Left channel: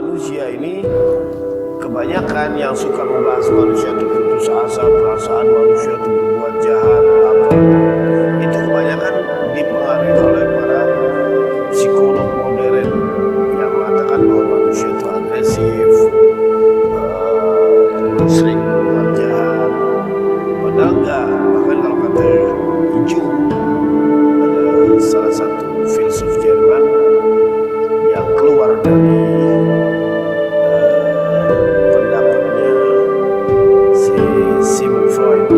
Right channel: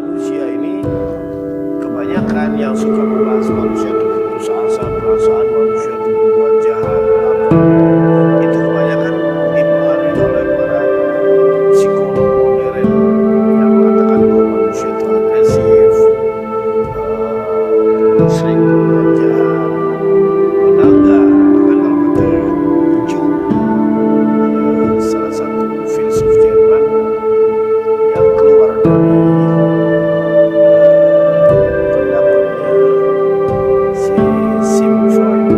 manusia ini kebanyakan yang suka membahas manusia itu putus asa, perasaan manusia itu berbuat jahat, itu kebanyakan dipengaruhi oleh para psikolog modern yang mengatakan bahwa manusia itu agresif, sering berbuat jahat. Padahal enggak. Bahkan kalau kata Hijau, ada salah satu filsuf Jerman yang keluar dari pendapatnya si Sigmund Freud,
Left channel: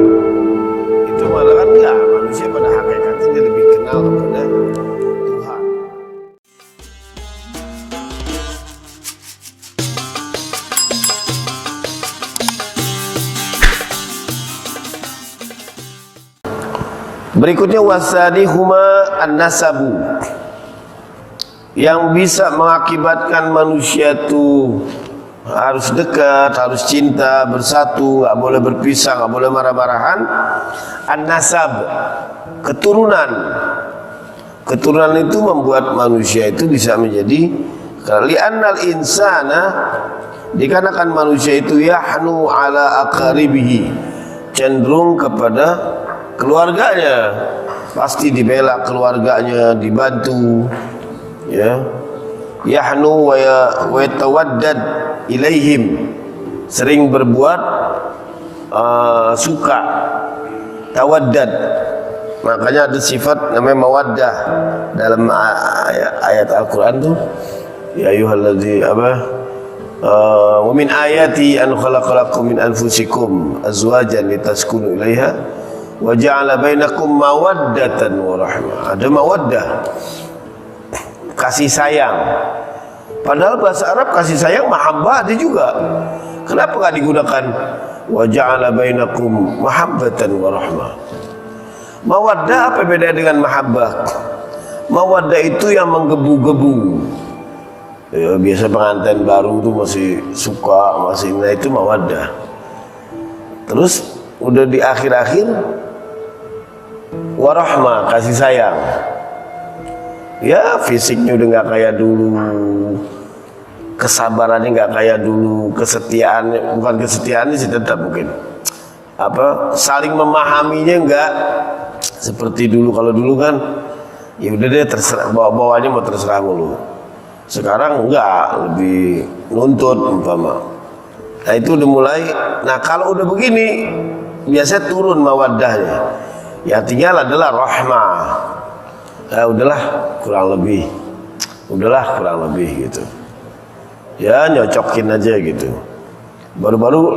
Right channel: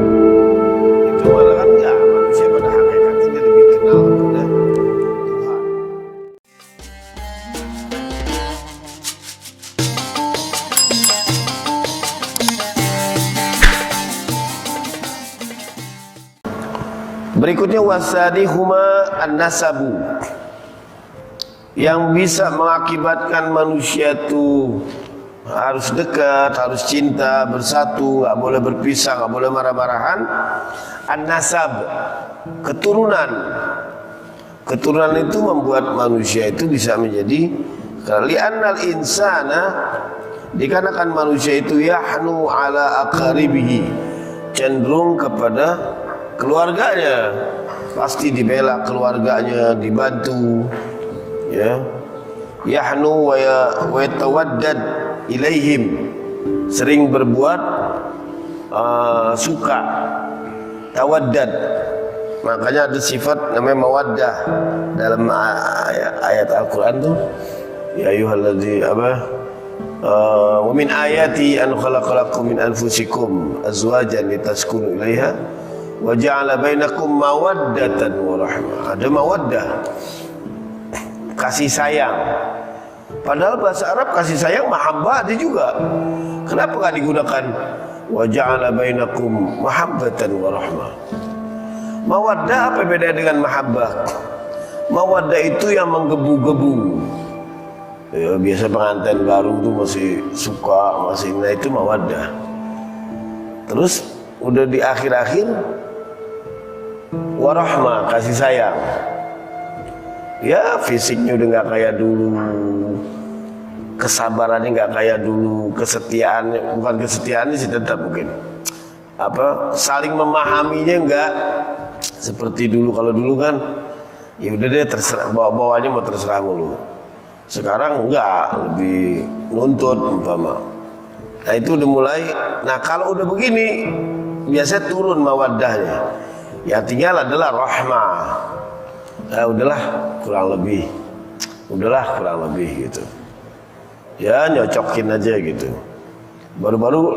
itu mengatakan ya manusia pada hakikatnya dia lebih kenal kepada Tuhan. Berikutnya wasadihuma an-nasabu, yang bisa mengakibatkan manusia itu harus dekat, harus cinta, bersatu, nggak boleh berpisah, nggak boleh marah-marahan. An-nasab, keturunan. Keturunan itu membuat manusia itu bisa menjadi li'annal insana, dikarenakan manusia itu yahnu ala aqaribihi, cenderung kepada keluarganya, pasti dibela keluarganya, dibantu, ya. Yahnu wa yatawaddad ilaihim, sering berbuat suka, tawaddad. Makanya ada sifat namanya mawaddah dalam ayat Al-Qur'an tuh, ya ayyuhalladzi wa min ayati an khalaqalakum min anfusikum azwajan litaskunu ilaiha wa ja'ala bainakum mawaddatan wa rahmah. Ada mawaddah, kasih sayang. Padahal bahasa Arab kasih sayang mahabbah ada juga. Kenapa enggak digunakan wa ja'ala bainakum mahabbatan wa rahmah? Mawaddah apa beda dengan mahabbah? Mawaddah itu yang menggebu-gebu. Ya, biasa pengantin baru tuh masih suka, masih itu mawaddah. Terus udah di akhir-akhir warahmah, kasih sayang. Ya fisiknya udah nggak kayak dulu, kesabarannya nggak kayak dulu, kesetiaannya, bukan kesetiaannya sih tetap mungkin, saling memahaminya nggak seperti dulu. Kalau dulu kan ya udah deh terserah, bawanya mau terserah mulu. Sekarang enggak, lebih nuntut umpama. Nah itu udah mulai. Nah kalau udah begini biasanya turun mawaddahnya. Ya tinggal adalah rahmah. Ya udahlah kurang lebih gitu. Ya nyocokin aja gitu. Baru-baru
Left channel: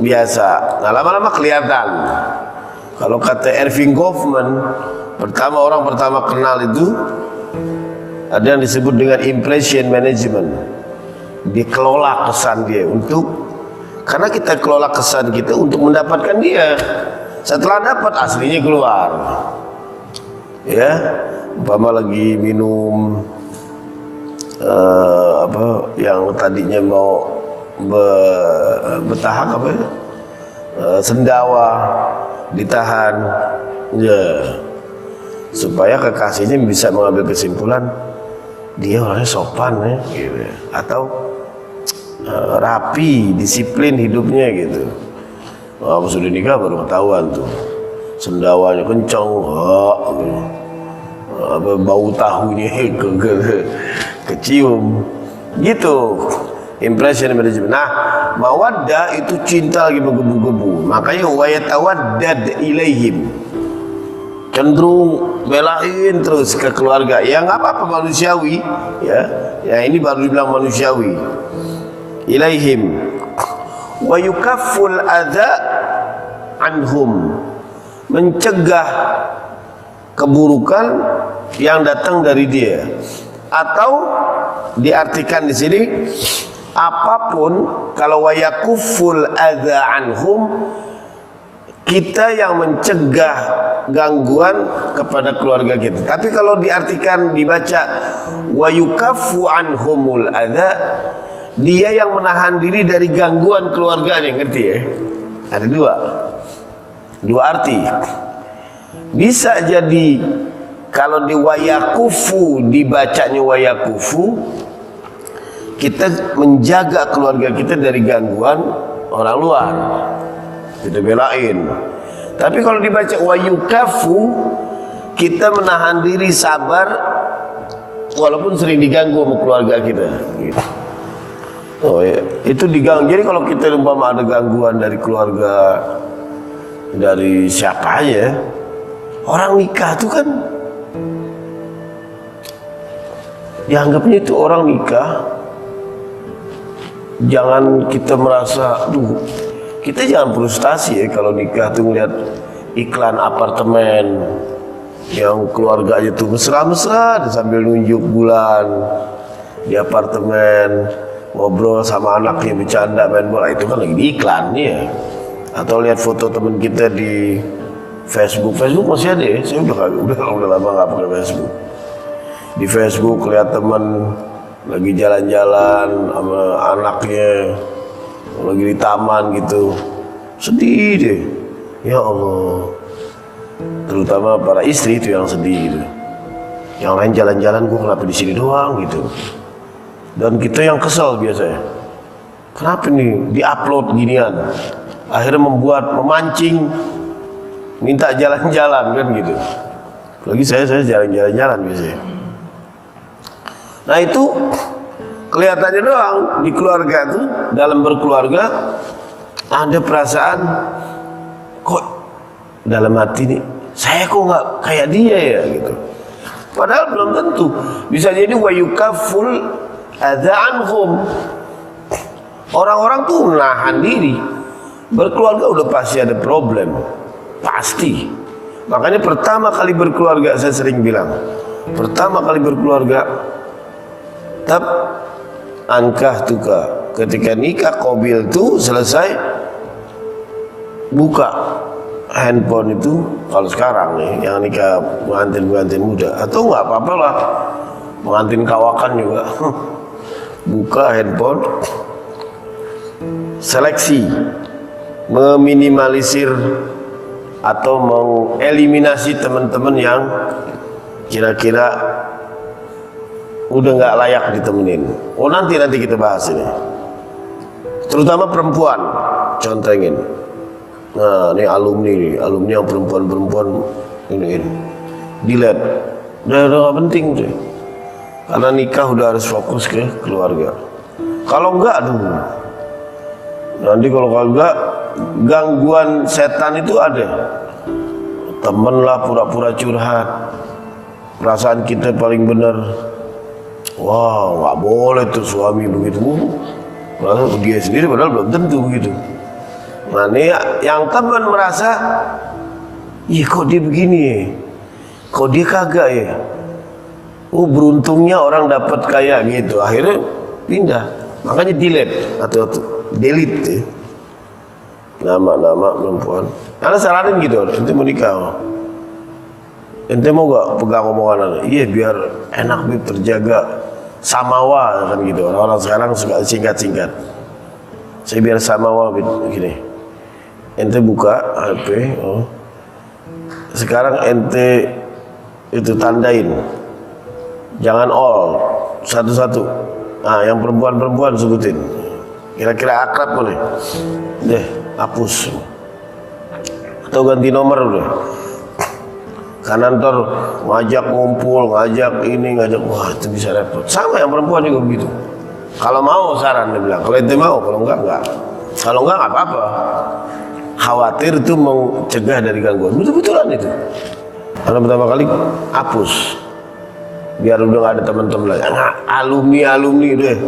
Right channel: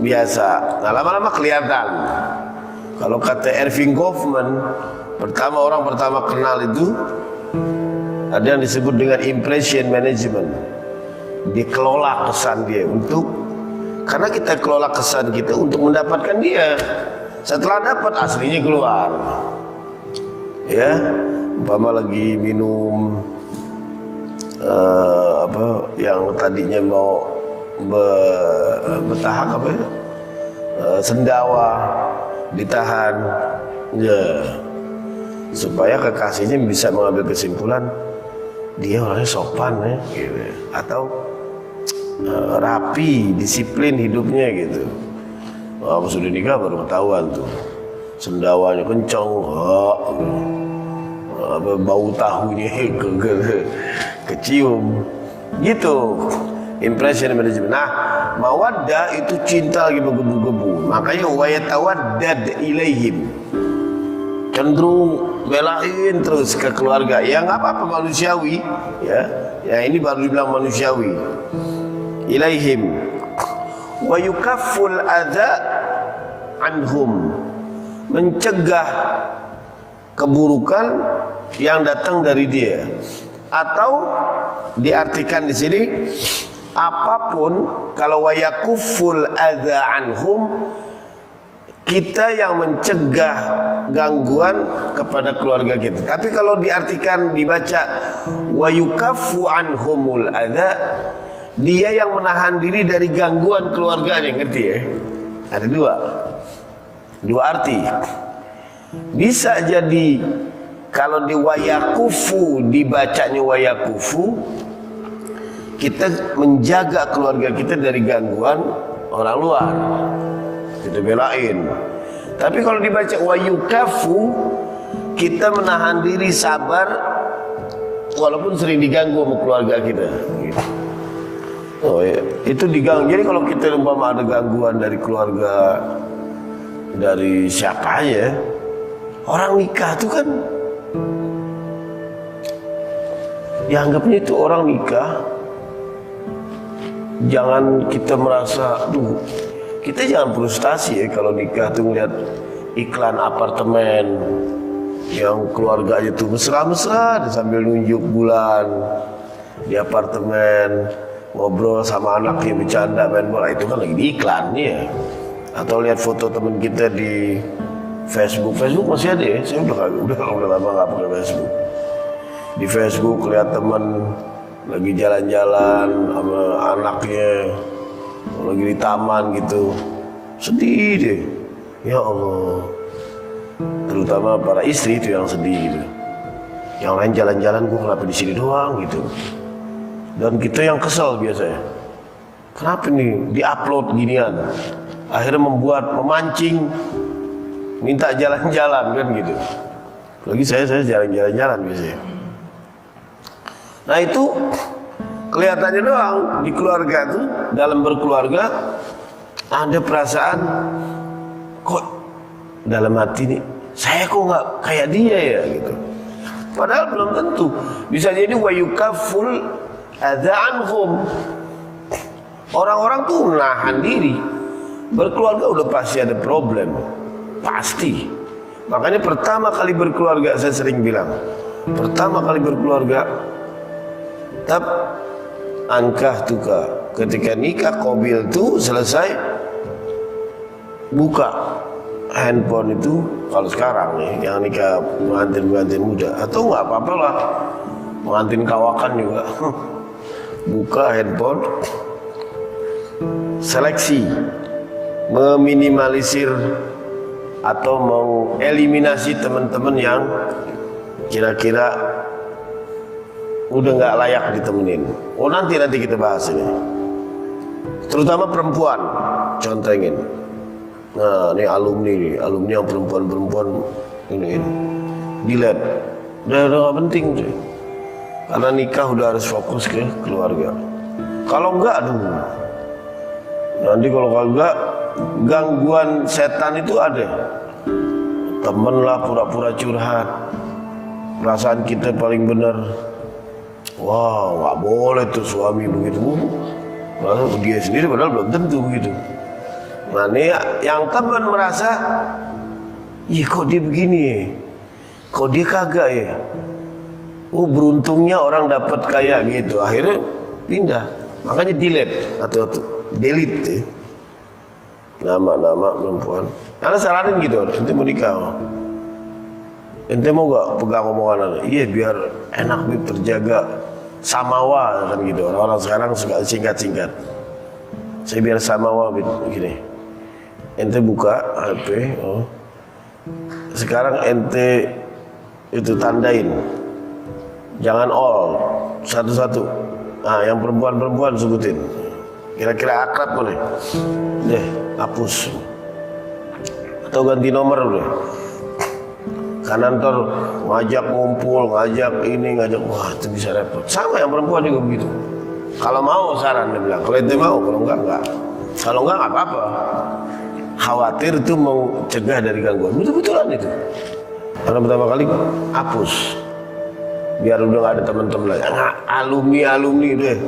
biasa. Nah lama-lama kelihatan. Kalau kata Erving Goffman, orang pertama kenal itu ada yang disebut dengan impression management. Dikelola kesan dia karena kita kelola kesan kita untuk mendapatkan dia. Setelah dapat aslinya keluar. Ya, umpama lagi minum yang tadinya mau bertahap sendawa, ditahan, ya, supaya kekasihnya bisa mengambil kesimpulan dia orangnya sopan ya, gitu. Atau rapi, disiplin hidupnya gitu. Sudah nikah baru ketahuan tuh, sendawanya kencang, bau tahunya kecium, gitu. Impression management. Nah, mawaddah itu cinta lagi menggebu-gebu. Makanya wa yatawaddad ilaihim, cenderung belain terus ke keluarga. Ya nggak apa-apa, manusiawi, ya. Ya ini baru dibilang manusiawi. Ilaihim wa yukafful adza anhum, mencegah keburukan yang datang dari dia. Atau diartikan di sini apapun, kalau wa yakufful adza anhum, kita yang mencegah gangguan kepada keluarga kita. Tapi kalau diartikan, dibaca wa yukaffu anhumul adza, dia yang menahan diri dari gangguan keluarganya, ngerti ya? Ada dua arti. Bisa jadi kalau di wayakufu, dibacanya wayakufu, kita menjaga keluarga kita dari gangguan orang luar, kita belain. Tapi kalau dibaca wa yukafu, kita menahan diri, sabar walaupun sering diganggu sama keluarga kita. Oh ya, itu diganggu. Jadi kalau kita umpama ada gangguan dari keluarga, dari siapa aja, orang nikah itu kan dianggapnya itu orang nikah. Jangan kita merasa, duh, kita jangan frustasi ya kalau nikah tuh ngeliat iklan apartemen yang keluarganya tuh mesra-mesra sambil nunjuk bulan di apartemen, ngobrol sama anaknya, bercanda, main bola. Itu kan lagi di iklan ya. Atau lihat foto teman kita di Facebook masih ada ya. Saya udah lama nggak pakai Facebook. Di Facebook lihat teman lagi jalan-jalan sama anaknya, lagi di taman gitu, sedih deh. Ya Allah, terutama para istri itu yang sedih gitu. Yang lain jalan-jalan, gue kenapa di sini doang gitu. Dan kita yang kesel biasanya, kenapa nih diupload ginian, akhirnya memancing minta jalan-jalan kan gitu. Lagi saya jalan-jalan biasanya. Nah itu kelihatannya doang di keluarga tuh, dalam berkeluarga ada perasaan kok dalam hati nih, saya kok nggak kayak dia ya gitu. Padahal belum tentu. Bisa jadi wa yukaful adza anhum. Orang-orang tuh menahan diri. Berkeluarga udah pasti ada problem, pasti. Makanya pertama kali berkeluarga, saya sering bilang, pertama kali berkeluarga tab angkah tuka, ketika nikah qabil tuh selesai, buka handphone itu. Kalau sekarang nih yang nikah pengantin muda, atau nggak apa-apa lah pengantin kawakan juga, buka handphone, seleksi, meminimalisir atau mengeliminasi teman-teman yang kira-kira udah nggak layak ditemenin. Oh nanti kita bahas ini. Terutama perempuan, contohin. Nah ini alumni yang perempuan ini delete. Udah nggak penting tuh. Karena nikah udah harus fokus ke keluarga. Kalau enggak, aduh. Nanti kalau kagak, gangguan setan itu ada. Temen lah pura-pura curhat, perasaan kita paling benar. Wah, nggak boleh tuh suami begitu. Padahal dia sendiri padahal belum tentu begitu. Nah ini yang teman merasa, ih kok dia begini, kok dia kagak ya. Oh beruntungnya orang dapat kayak gitu. Akhirnya pindah. Makanya delete atau delete ya. Nama-nama perempuan. Karena saranin gitu, ente mau nikah, ente mau gak pegang omongan? Iya biar enak bib, terjaga samawa kan gitu. Orang sekarang suka singkat-singkat. Saya biar samawa bib gini. Ente buka HP, sekarang ente itu tandain, jangan all, satu-satu. Nah yang perempuan sebutin, kira-kira akrab boleh, deh hapus. Atau ganti nomor udah. Karena ntar ngajak ngumpul, ngajak ini, ngajak, wah itu bisa repot. Sama yang perempuan juga begitu. Kalau mau saran dia bilang, kalau ente mau, kalau enggak. Kalau enggak apa-apa. Khawatir itu mau cegah dari gangguan. Betul-betulan itu. Karena pertama kali hapus. Biar udah gak ada teman-teman lagi. Nah, alumni deh.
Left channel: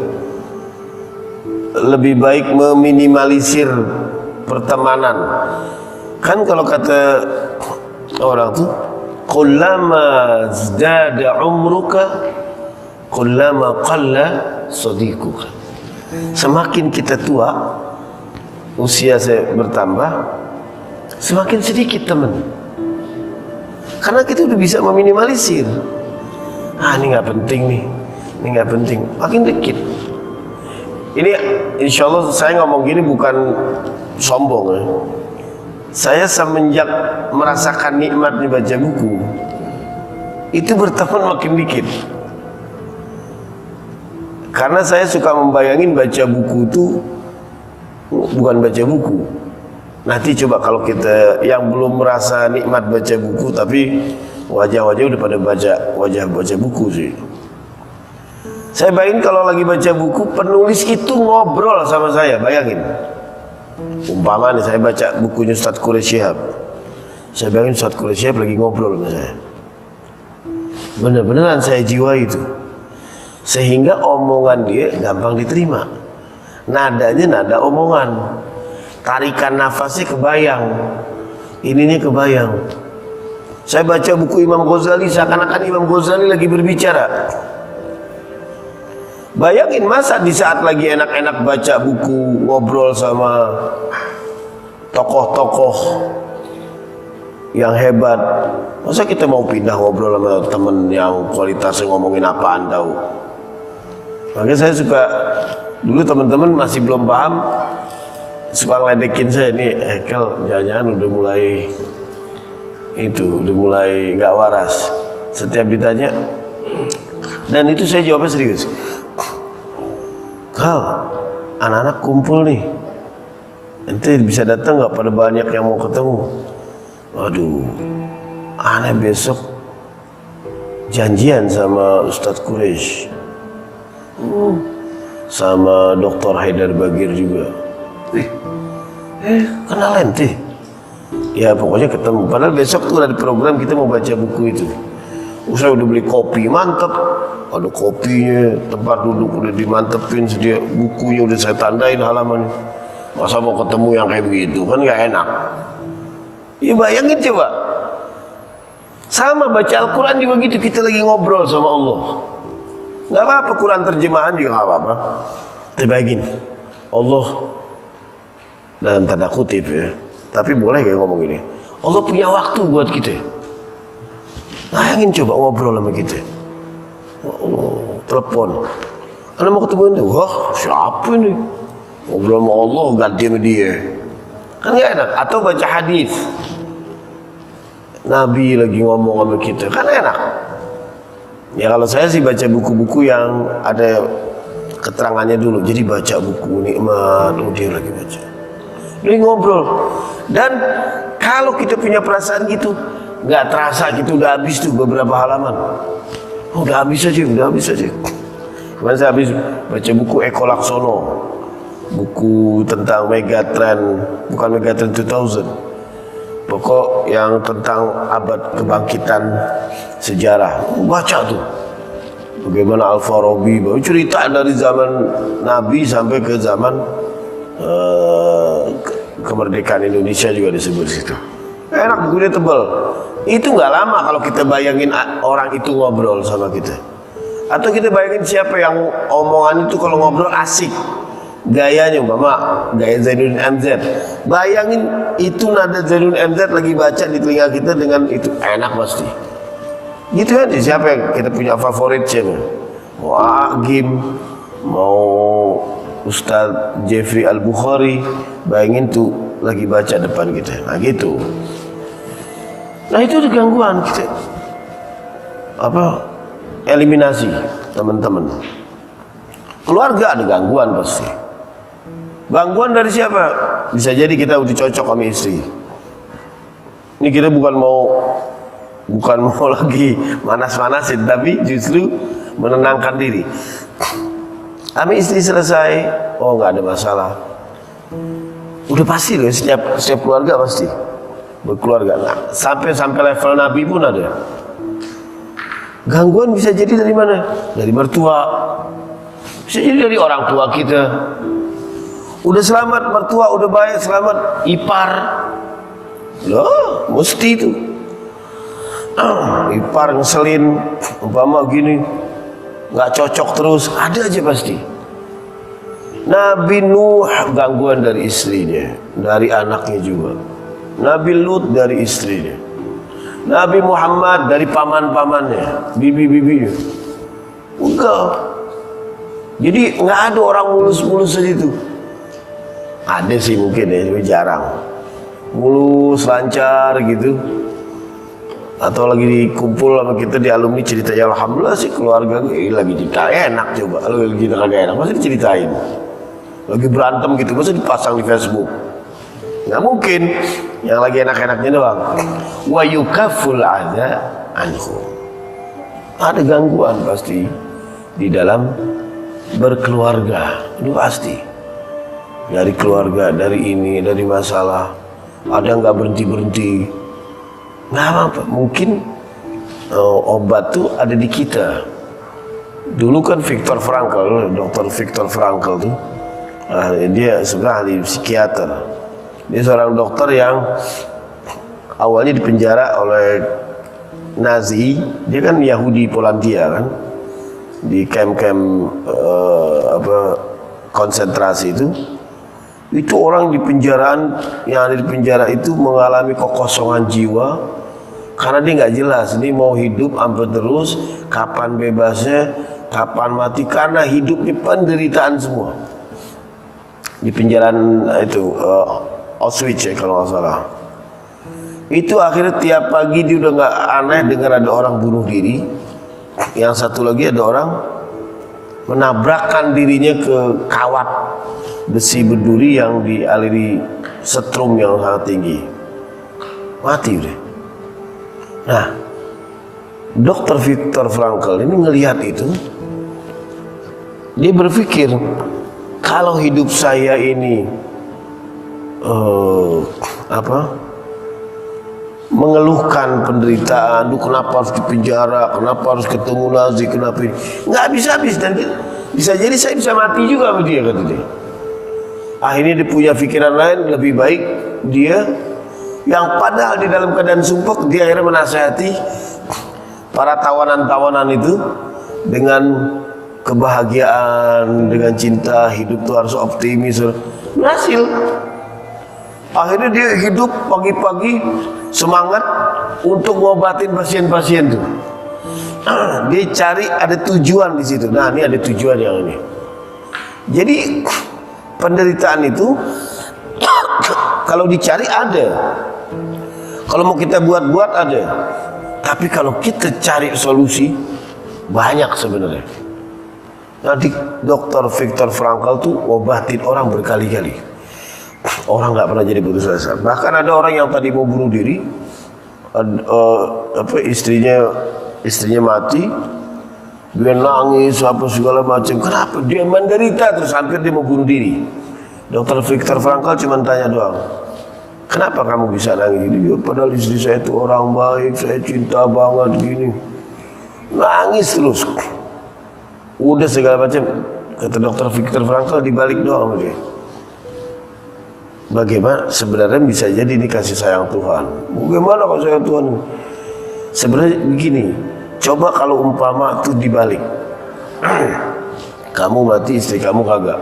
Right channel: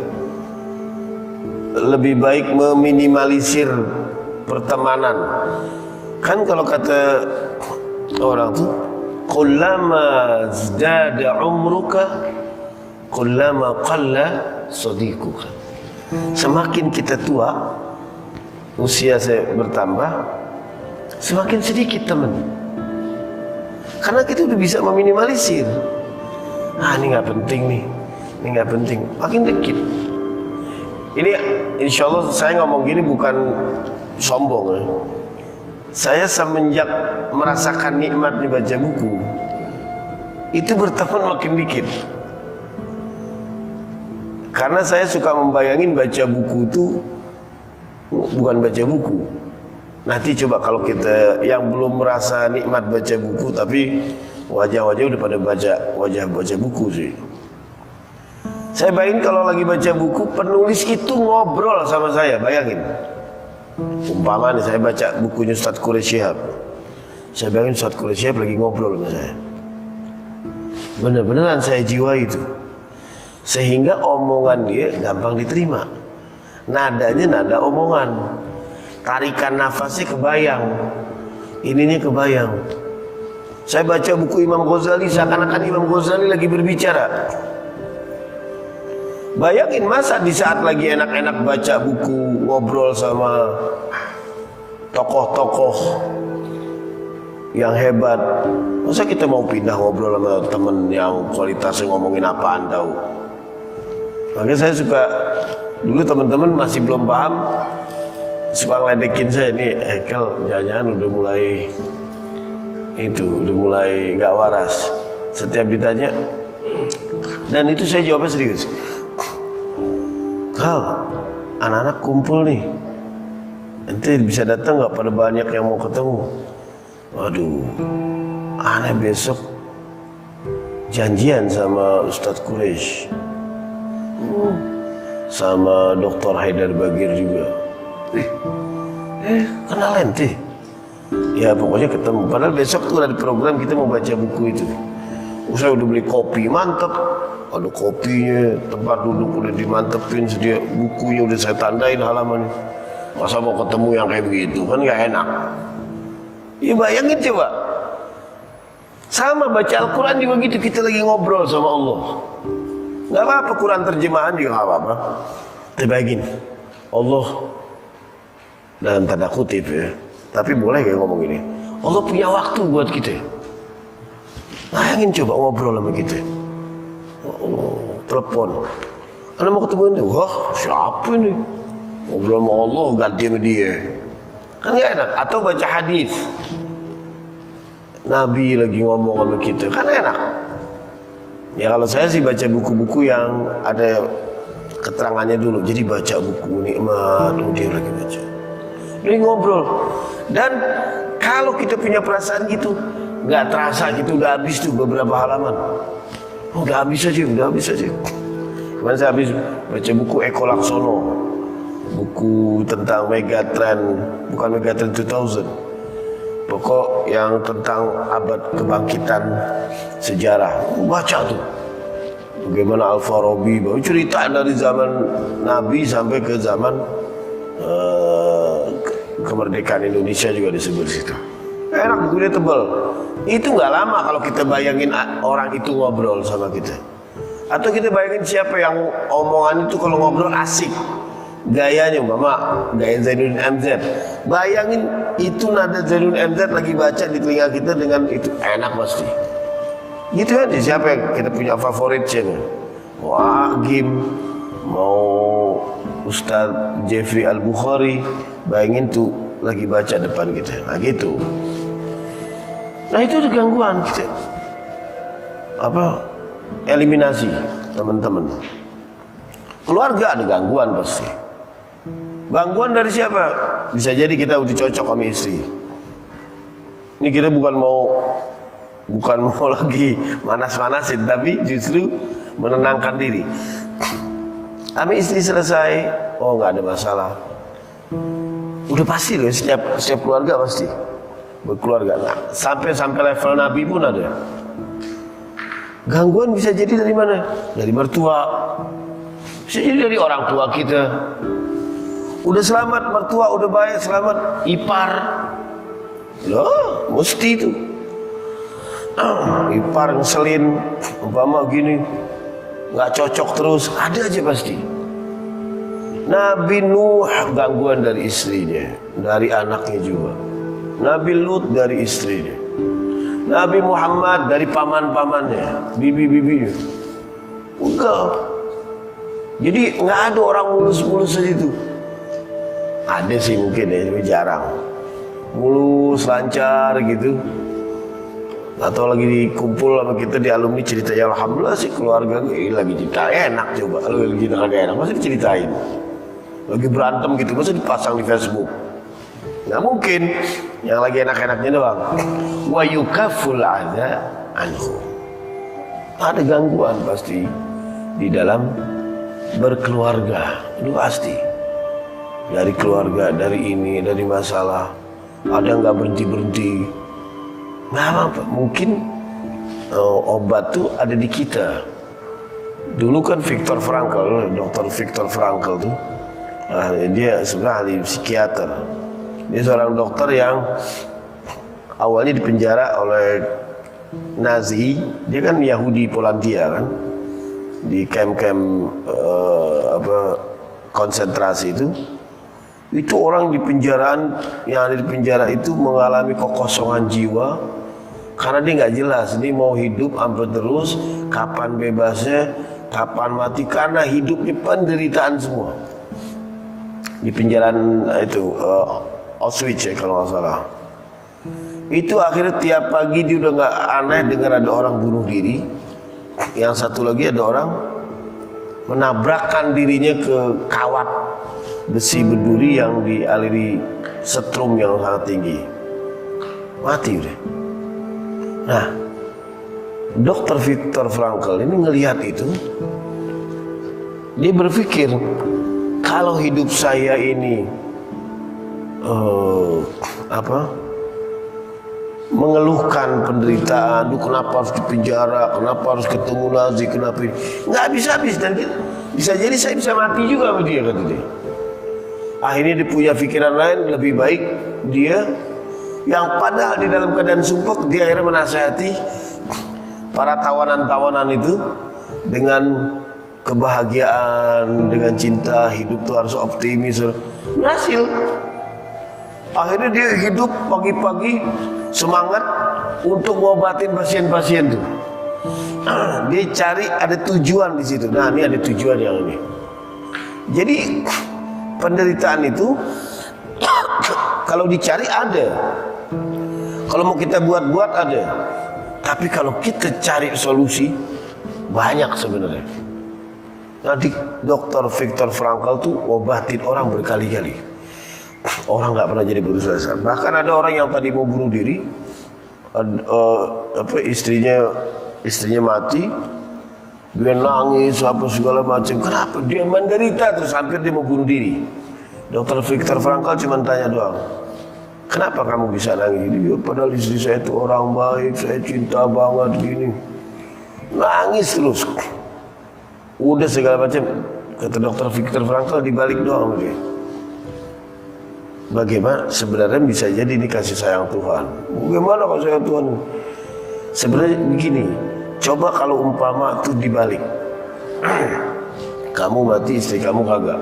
Lebih baik meminimalisir pertemanan. Kan kalau kata orang tuh, kullama zdada umruka kullama qalla sadiquka. Semakin kita tua, usia saya bertambah, semakin sedikit teman. Karena kita udah bisa meminimalisir. Ini nggak penting nih, ini nggak penting. Makin dikit. Ini insya Allah saya ngomong gini bukan sombong ya. Saya semenjak merasakan nikmat dibaca buku, itu berteman makin dikit. Karena saya suka membayangin baca buku itu bukan baca buku. Nanti coba kalau kita yang belum merasa nikmat baca buku, tapi wajah-wajah udah pada baca buku sih. Saya bayangin kalau lagi baca buku, penulis itu ngobrol sama saya, bayangin. Umpama nih saya baca bukunya Ustaz Quraish Shihab. Saya bayangin Ustaz Quraish Shihab lagi ngobrol sama saya. Bener-beneran saya jiwa itu. Sehingga omongan dia gampang diterima. Nadanya nada omongan. Tarikan nafasnya kebayang. Ininya kebayang. Saya baca buku Imam Ghazali, seakan-akan Imam Ghazali lagi berbicara. Bayangin masa di saat lagi enak-enak baca buku, ngobrol sama tokoh-tokoh yang hebat, masa kita mau pindah ngobrol sama temen yang kualitasnya ngomongin apaan tahu. Makanya saya suka, dulu teman-teman masih belum paham, suka ngeledekin saya, nih Ekel jangan-jangan udah mulai gak waras. Setiap ditanya, dan itu saya jawabnya serius. Kal, anak-anak kumpul nih, ente bisa datang gak, pada banyak yang mau ketemu. Waduh, aneh besok janjian sama Ustadz Quraish, sama Dr. Haidar Bagir juga. Kenal ente? Ya pokoknya ketemu. Padahal besok tuh ada program kita mau baca buku itu. Saya udah beli kopi, mantep. Ada kopinya, tempat duduk udah dimantepin, sedia bukunya udah saya tandain halamannya. Masa mau ketemu yang kayak begitu, kan gak enak. Ya bayangin coba. Sama baca Al-Quran juga gitu, kita lagi ngobrol sama Allah. Gak apa-apa, Quran terjemahan juga gak apa-apa. Tapi bayangin, Allah dalam tanda kutip ya, tapi boleh gak ngomong gini, Allah punya waktu buat kita. Bayangin coba ngobrol sama kita. Telepon, Anda mau ketemu itu? Wah siapa ini? Ngobrol sama Allah ganti sama dia, kan gak enak. Atau baca hadis, Nabi lagi ngomong sama kita, kan enak. Ya kalau saya sih baca buku-buku yang ada keterangannya dulu. Jadi baca buku nikmat, dia lagi baca, dia ngobrol. Dan kalau kita punya perasaan gitu, nggak terasa gitu udah habis tuh beberapa halaman. Udah habis aja. Kemarin saya habis baca buku Eko Laksono, buku tentang Megatrend, bukan Megatrend 2000, pokok yang tentang abad kebangkitan sejarah. Baca tuh bagaimana Al-Farabi baru cerita dari zaman Nabi sampai ke zaman kemerdekaan Indonesia juga disebut situ. Enak, bukunya tebal. Itu nggak lama kalau kita bayangin orang itu ngobrol sama kita. Atau kita bayangin siapa yang omongan itu kalau ngobrol asik. Gayanya gaya Zainuddin MZ. Bayangin itu nada Zainuddin MZ lagi baca di telinga kita dengan itu, enak pasti. Gitu aja, siapa yang kita punya favorit siapa? Mau Agim, mau Ustadz Jeffrey Al-Bukhari, bayangin tuh lagi baca depan kita. Nah gitu. Nah itu ada gangguan kita. Eliminasi teman-teman. Keluarga ada gangguan pasti. Gangguan dari siapa? Bisa jadi kita udah cocok sama istri. Ini kita bukan mau lagi manas-manasin, tapi justru menenangkan diri. Sama istri selesai, oh nggak ada masalah. Udah pasti loh, setiap keluarga pasti berkeluarga. Nah, sampai level Nabi pun ada. Gangguan bisa jadi dari mana? Dari mertua. Bisa jadi dari orang tua kita. Udah selamat mertua, udah baik, selamat ipar. Loh, mesti itu. Ipar ngeselin, umpama gini, nggak cocok terus, ada aja pasti. Nabi Nuh gangguan dari istrinya, dari anaknya juga. Nabi Lut dari istrinya. Nabi Muhammad dari paman-pamannya, bibi-bibinya. Enggak. Jadi nggak ada orang mulus-mulus segitu. Ada sih mungkin ya, tapi jarang. Mulus, lancar gitu. Atau lagi kumpul sama kita di alumni cerita, ya alhamdulillah sih keluarga gue lagi cerita enak, coba lagi kagak enak masa diceritain, lagi berantem gitu masa dipasang di Facebook. Nggak mungkin, yang lagi enak-enaknya doang. Wa yukaful adza anhu. Ada gangguan pasti di dalam berkeluarga, itu pasti. Dari keluarga, dari ini, dari masalah, ada nggak berhenti. Nggak apa-apa, mungkin obat tuh ada di kita. Dulu kan Viktor Frankl, Dr. Viktor Frankl tuh, dia sebenarnya ahli psikiater. Dia seorang dokter yang awalnya dipenjara oleh Nazi. Dia kan Yahudi Polandia kan, di kamp-kamp konsentrasi itu. Itu orang di penjaraan, yang ada di penjara itu mengalami kekosongan jiwa. Karena dia nggak jelas, ini mau hidup sampai terus, kapan bebasnya, kapan mati, karena hidup di penderitaan semua. Di penjaraan itu Auschwitz ya kalau nggak salah. Itu akhirnya tiap pagi dia udah nggak aneh dengar ada orang bunuh diri. Yang satu lagi ada orang menabrakkan dirinya ke kawat besi berduri yang dialiri setrum yang sangat tinggi. Mati udah. Nah, Dr. Viktor Frankl ini ngelihat itu, dia berpikir kalau hidup saya ini mengeluhkan penderitaan, kenapa harus dipenjara, kenapa harus ketemu Nazi, kenapa ini, nggak bisa habis dan bisa jadi saya bisa mati juga sama dia, kata dia. Akhirnya dia punya pikiran lain, lebih baik dia yang padahal di dalam keadaan sumpah, dia akhirnya menasihati para tawanan-tawanan itu dengan kebahagiaan, dengan cinta, hidup itu harus optimis. Berhasil. Akhirnya dia hidup pagi-pagi semangat untuk ngobatin pasien-pasien itu. Dia cari ada tujuan di situ. Nah, ini ada tujuan yang ini. Jadi penderitaan itu kalau dicari ada. Kalau mau kita buat-buat ada. Tapi kalau kita cari solusi banyak sebenarnya. Nanti Dr. Viktor Frankl tuh obatin orang berkali-kali. Orang nggak pernah jadi putus asa. Bahkan ada orang yang tadi mau bunuh diri, istrinya mati, dia nangis apa segala macam. Kenapa dia menderita terus hampir dia mau bunuh diri? Dr. Viktor Frankl cuma tanya doang, kenapa kamu bisa nangis ini? Padahal istri saya itu orang baik, saya cinta banget gini. Nangis terus. Udah segala macam. Kata Dr. Viktor Frankl dibalik doang sama dia. Bagaimana sebenarnya bisa jadi ini kasih sayang Tuhan? Bagaimana kalau sayang Tuhan? Sebenarnya begini, coba kalau umpama itu dibalik. Kamu mati, istri kamu kagak.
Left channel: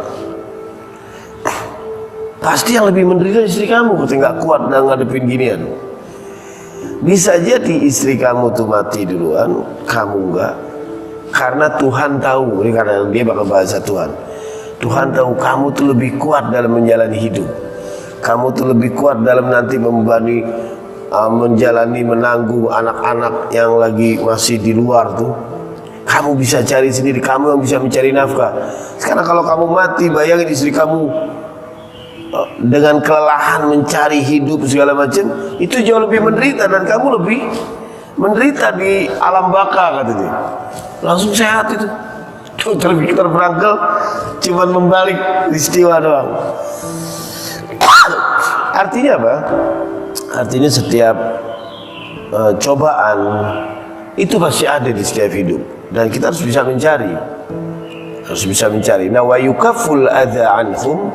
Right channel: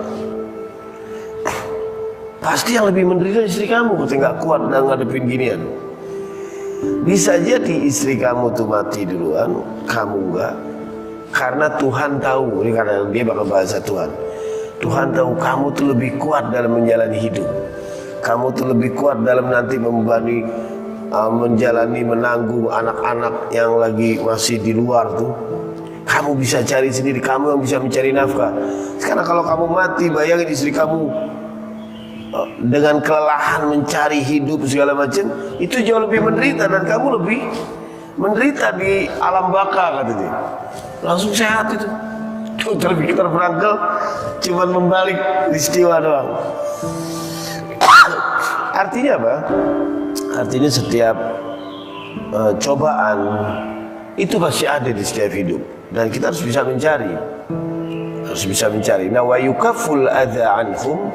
Pasti yang lebih menderita istri kamu, ketika nggak kuat dan ngadepin ginian. Bisa jadi istri kamu tuh mati duluan, kamu enggak. Karena Tuhan tahu, ini karena dia bakal bahasa Tuhan. Tuhan tahu kamu tuh lebih kuat dalam menjalani hidup. Kamu tuh lebih kuat dalam nanti membebani, menjalani, menanggung anak-anak yang lagi masih di luar tuh. Kamu bisa cari sendiri, kamu yang bisa mencari nafkah. Sekarang kalau kamu mati, bayangin istri kamu dengan kelelahan mencari hidup segala macam, itu jauh lebih menderita dan kamu lebih menderita di alam baka, katanya. Langsung sehat itu. Dr. Viktor Frankl cuma membalik istiwa doang. Artinya apa? Artinya setiap cobaan itu pasti ada di setiap hidup dan kita harus bisa mencari. Nah, wa yukafful adza anhum,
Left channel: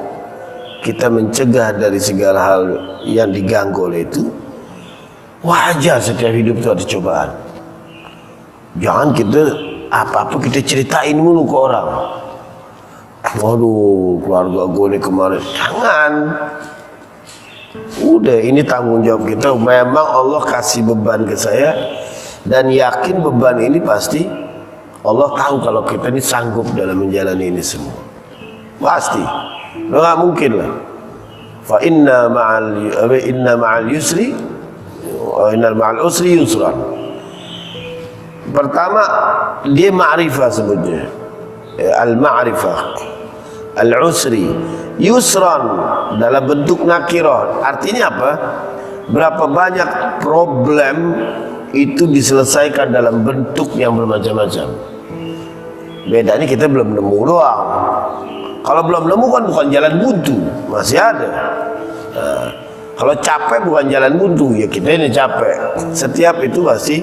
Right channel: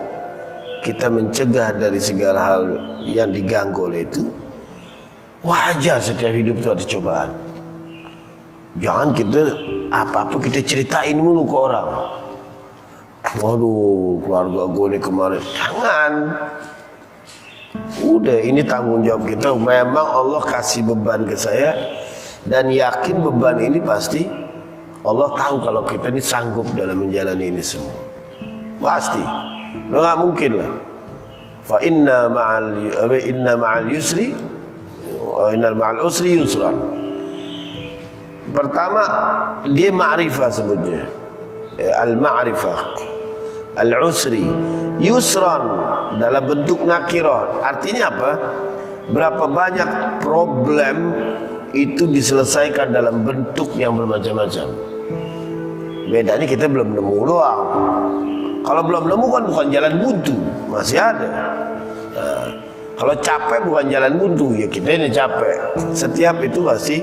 kita mencegah dari segala hal yang diganggu oleh itu. Wajar setiap hidup itu ada cobaan. Jangan kita apa-apa kita ceritain mulu ke orang. Waduh, keluarga gue nih kemarin. Jangan. Udah, ini tanggung jawab kita. Memang Allah kasih beban ke saya dan yakin beban ini pasti Allah tahu kalau kita ini sanggup dalam menjalani ini semua. Pasti. Nggak mungkin lah. Fa inna ma'al yusri innal ma'al usri yusran. Pertama dia ma'rifah sebutnya, al-ma'rifah, al-usri, yusran dalam bentuk nakirah. Artinya apa? Berapa banyak problem itu diselesaikan dalam bentuk yang bermacam-macam. Bedanya kita belum nemu doang. Kalau belum nemu kan bukan jalan buntu, masih ada. Nah, kalau capek bukan jalan buntu, ya kita ini capek. Setiap itu pasti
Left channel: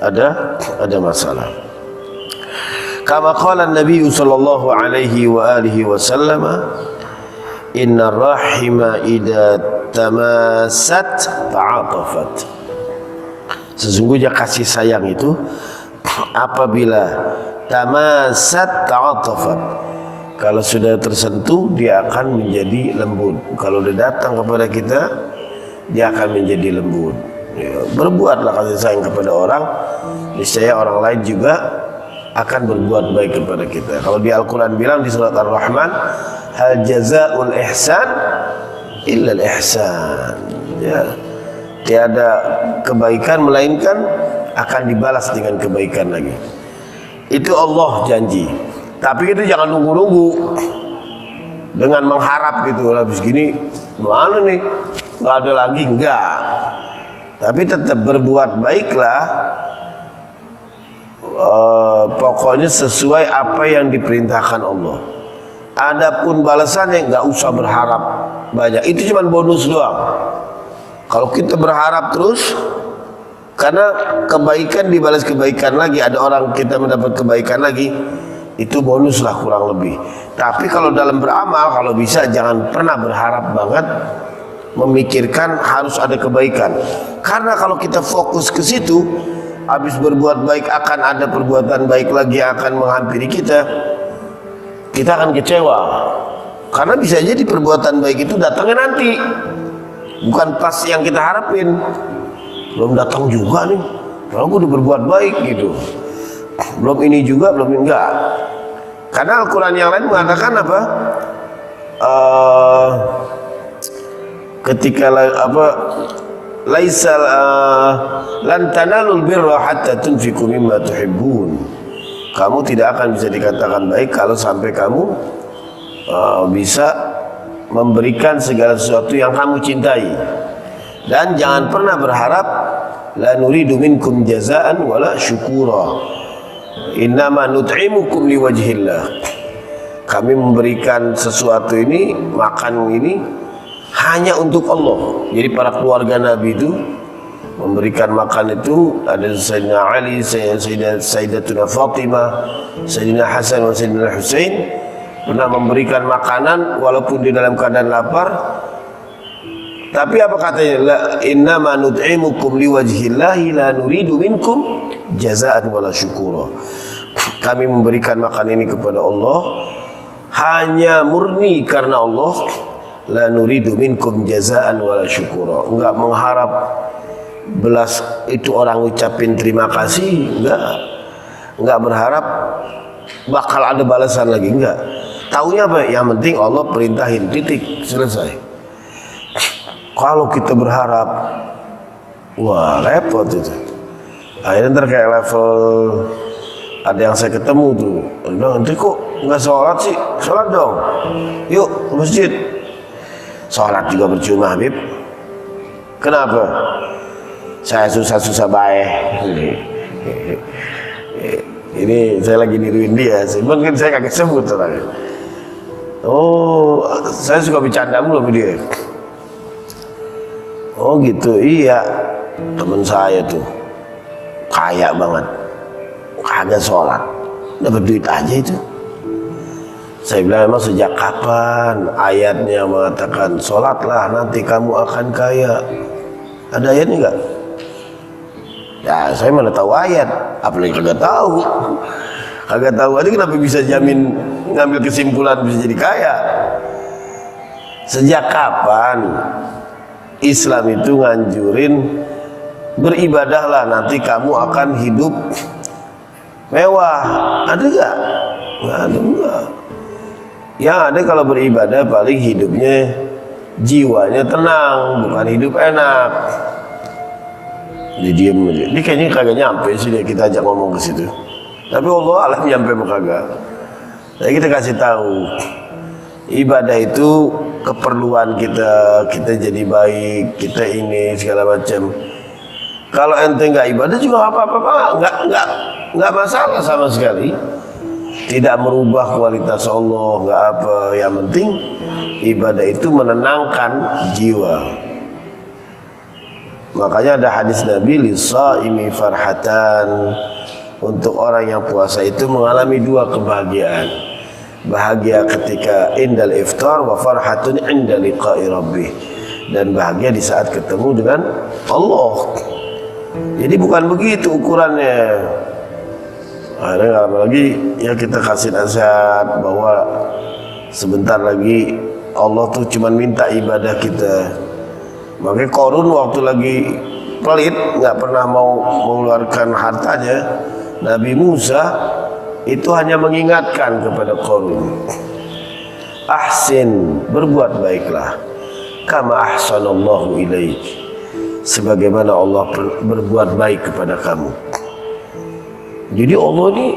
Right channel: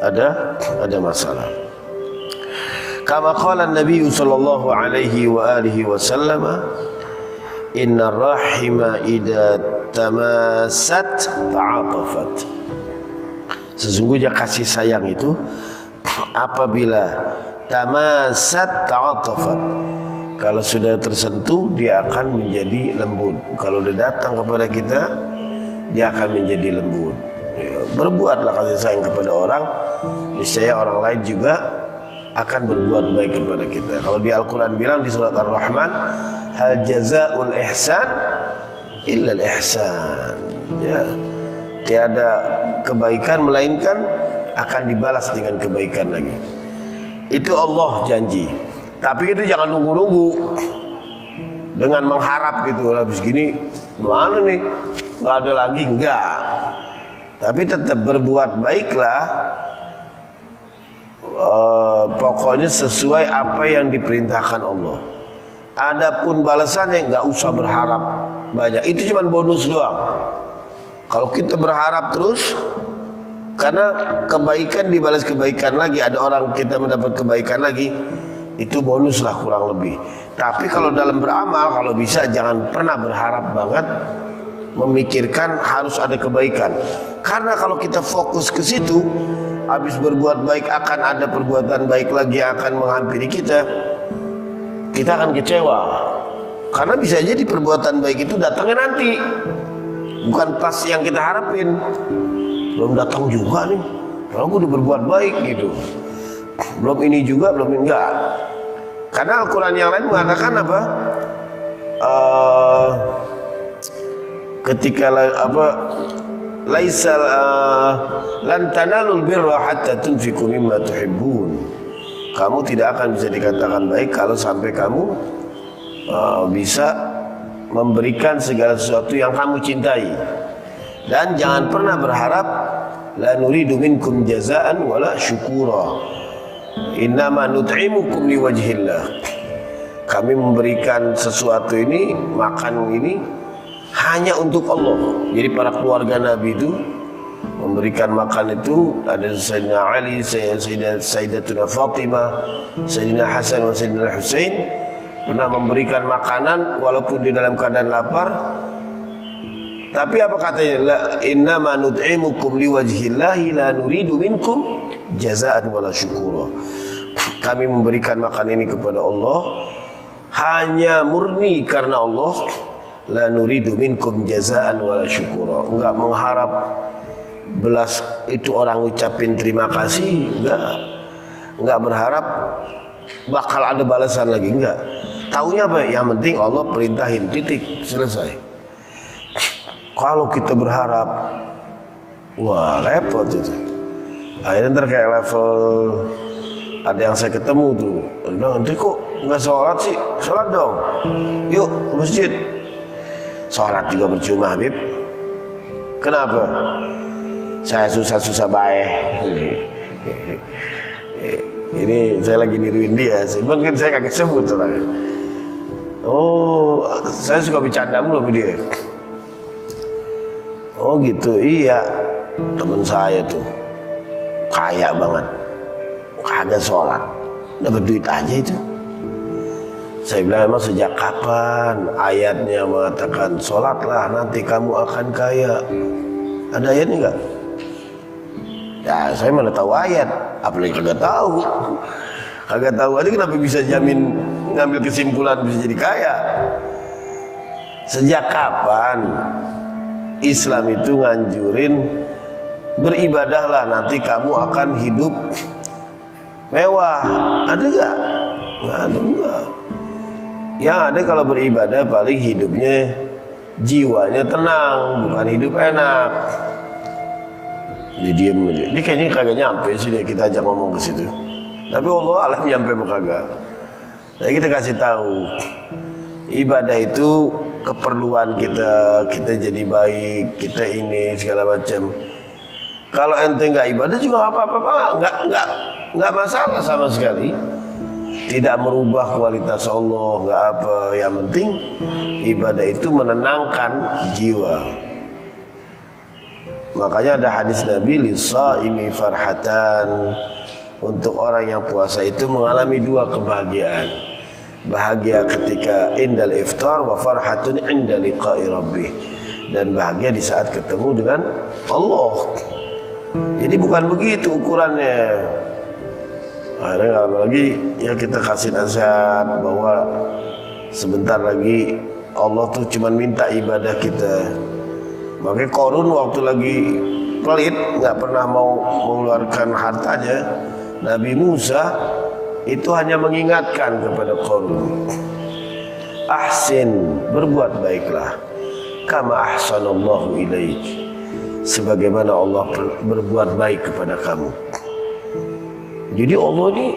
ada masalah. Kama qala Nabi sallallahu alaihi wa alihi wasallam, inna rahima idza tamasat ta'atafat. Sesungguhnya kasih sayang itu apabila tamasat ta'atafat, kalau sudah tersentuh dia akan menjadi lembut. Kalau dia datang kepada kita, dia akan menjadi lembut. Ya, berbuatlah kasih sayang kepada orang, niscaya orang lain juga akan berbuat baik kepada kita. Kalau di Al-Quran bilang di surat Ar-Rahman, hal jazaa'ul ihsan illa al-ihsan. Ya, tiada kebaikan melainkan akan dibalas dengan kebaikan lagi. Itu Allah janji. Tapi itu jangan nunggu-nunggu dengan mengharap gitu, habis gini mana nih, nggak ada lagi, enggak. Tapi tetap berbuat baiklah, pokoknya sesuai apa yang diperintahkan Allah. Adapun balasannya nggak usah berharap banyak, itu cuma bonus doang. Kalau kita berharap terus, karena kebaikan dibalas kebaikan lagi, ada orang kita mendapat kebaikan lagi, itu bonus lah kurang lebih. Tapi kalau dalam beramal, kalau bisa jangan pernah berharap banget memikirkan harus ada kebaikan. Karena kalau kita fokus ke situ, habis berbuat baik akan ada perbuatan baik lagi yang akan menghampiri kita. Kita akan kecewa. Karena bisa jadi perbuatan baik itu datangnya nanti, bukan pas yang kita harapin. Belum datang juga nih, kalau udah berbuat baik gitu. Belum ini juga, belum enggak. Karena Al-Quran yang lain mengatakan apa? Ketika laisa lan tanalul birra hatta tunfiqu mimma tuhibbun. Kamu tidak akan bisa dikatakan baik kalau sampai kamu bisa memberikan segala sesuatu yang kamu cintai. Dan jangan pernah berharap la nuridu minkum jazaan wala syukura. Innama nut'imukum liwajhillah. Kami memberikan sesuatu ini, makan ini hanya untuk Allah. Jadi para keluarga Nabi itu memberikan makan itu, ada Sayyidina Ali, Sayyidatuna Fatimah, Sayyidina Hasan dan Sayyidina Husain pernah memberikan makanan walaupun di dalam keadaan lapar. Tapi apa katanya? La innama nut'imukum liwajhillahi la nuridu minkum jazaan wala syukura. Kami memberikan makan ini kepada Allah hanya murni karena Allah. La nuridu minkum jazaan wala syukura. Enggak mengharap belas itu orang ucapin terima kasih, enggak berharap bakal ada balasan lagi, enggak. Taunya apa? Yang penting Allah perintahin, titik, selesai. Kalau kita berharap, wah repot itu. Akhirnya ntar kayak level, ada yang saya ketemu tuh, bilang, nanti kok nggak sholat sih? Sholat dong, yuk ke masjid. Sholat juga percuma, Habib. Kenapa? Saya susah-susah baik. Ini saya lagi niruin dia. Mungkin saya kaget sebut orangnya. Oh, saya suka bercanda mulu sama dia. Oh gitu, iya. Temen saya tuh kaya banget, kagak sholat, dapat duit aja itu. Saya bilang, emang sejak kapan ayatnya mengatakan sholatlah nanti kamu akan kaya? Ada ayatnya enggak? Ya saya mana tahu ayat, apalagi kagak tahu. Kagak tahu aja kenapa bisa jamin ngambil kesimpulan bisa jadi kaya? Sejak kapan Islam itu nganjurin beribadahlah nanti kamu akan hidup mewah? Ada enggak? Nggak ada, enggak. Yang ada kalau beribadah paling hidupnya jiwanya tenang, bukan hidup enak. Dia diem aja. Dia kayaknya kagak nyampe sih dia, kita ajak ngomong ke situ. Tapi Allah alam nyampe apa kagak. Jadi kita kasih tahu ibadah itu keperluan kita jadi baik, kita ini segala macam. Kalau ente nggak ibadah juga apa-apa, nggak masalah sama sekali. Tidak merubah kualitas Allah, nggak apa. Yang penting ibadah itu menenangkan jiwa. Makanya ada hadis Nabi, lis-shaimi farhatan. Untuk orang yang puasa itu mengalami dua kebahagiaan. Bahagia ketika indal iftar wa farhatun inda liqa'i rabbih. Dan bahagia di saat ketemu dengan Allah. Jadi bukan begitu ukurannya. Akhirnya nggak lama lagi ya kita kasih nasihat bahwa sebentar lagi Allah tuh cuma minta ibadah kita. Makanya Qarun waktu lagi pelit, nggak pernah mau mengeluarkan hartanya, Nabi Musa itu hanya mengingatkan kepada Qarun, ahsin, berbuat baiklah, kama ahsanallahu ilaik, sebagaimana Allah berbuat baik kepada kamu. Jadi Allah ini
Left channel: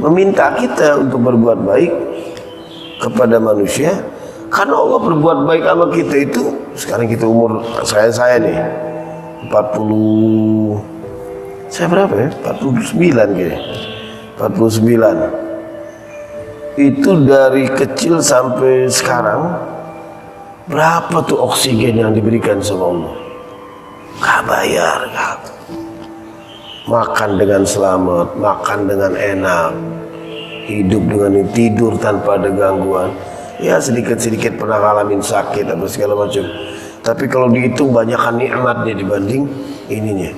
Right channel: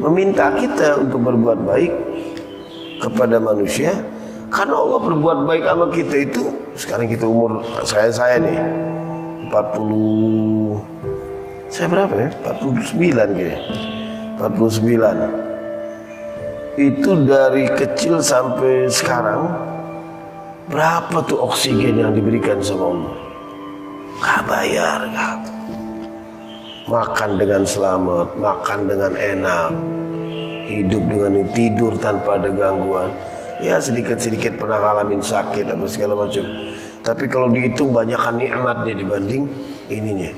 meminta kita untuk berbuat baik kepada manusia. Karena Allah berbuat baik sama kita itu, sekarang kita umur saya nih 40, saya berapa ya? 49 kayaknya. 49. Itu dari kecil sampai sekarang berapa tuh oksigen yang diberikan sama Allah? Gak bayar, gak. Makan dengan selamat, makan dengan enak, hidup dengan tidur tanpa ada gangguan. Ya sedikit-sedikit pernah ngalamin sakit atau segala macam. Tapi kalau dihitung banyakkan nikmatnya dibanding ininya.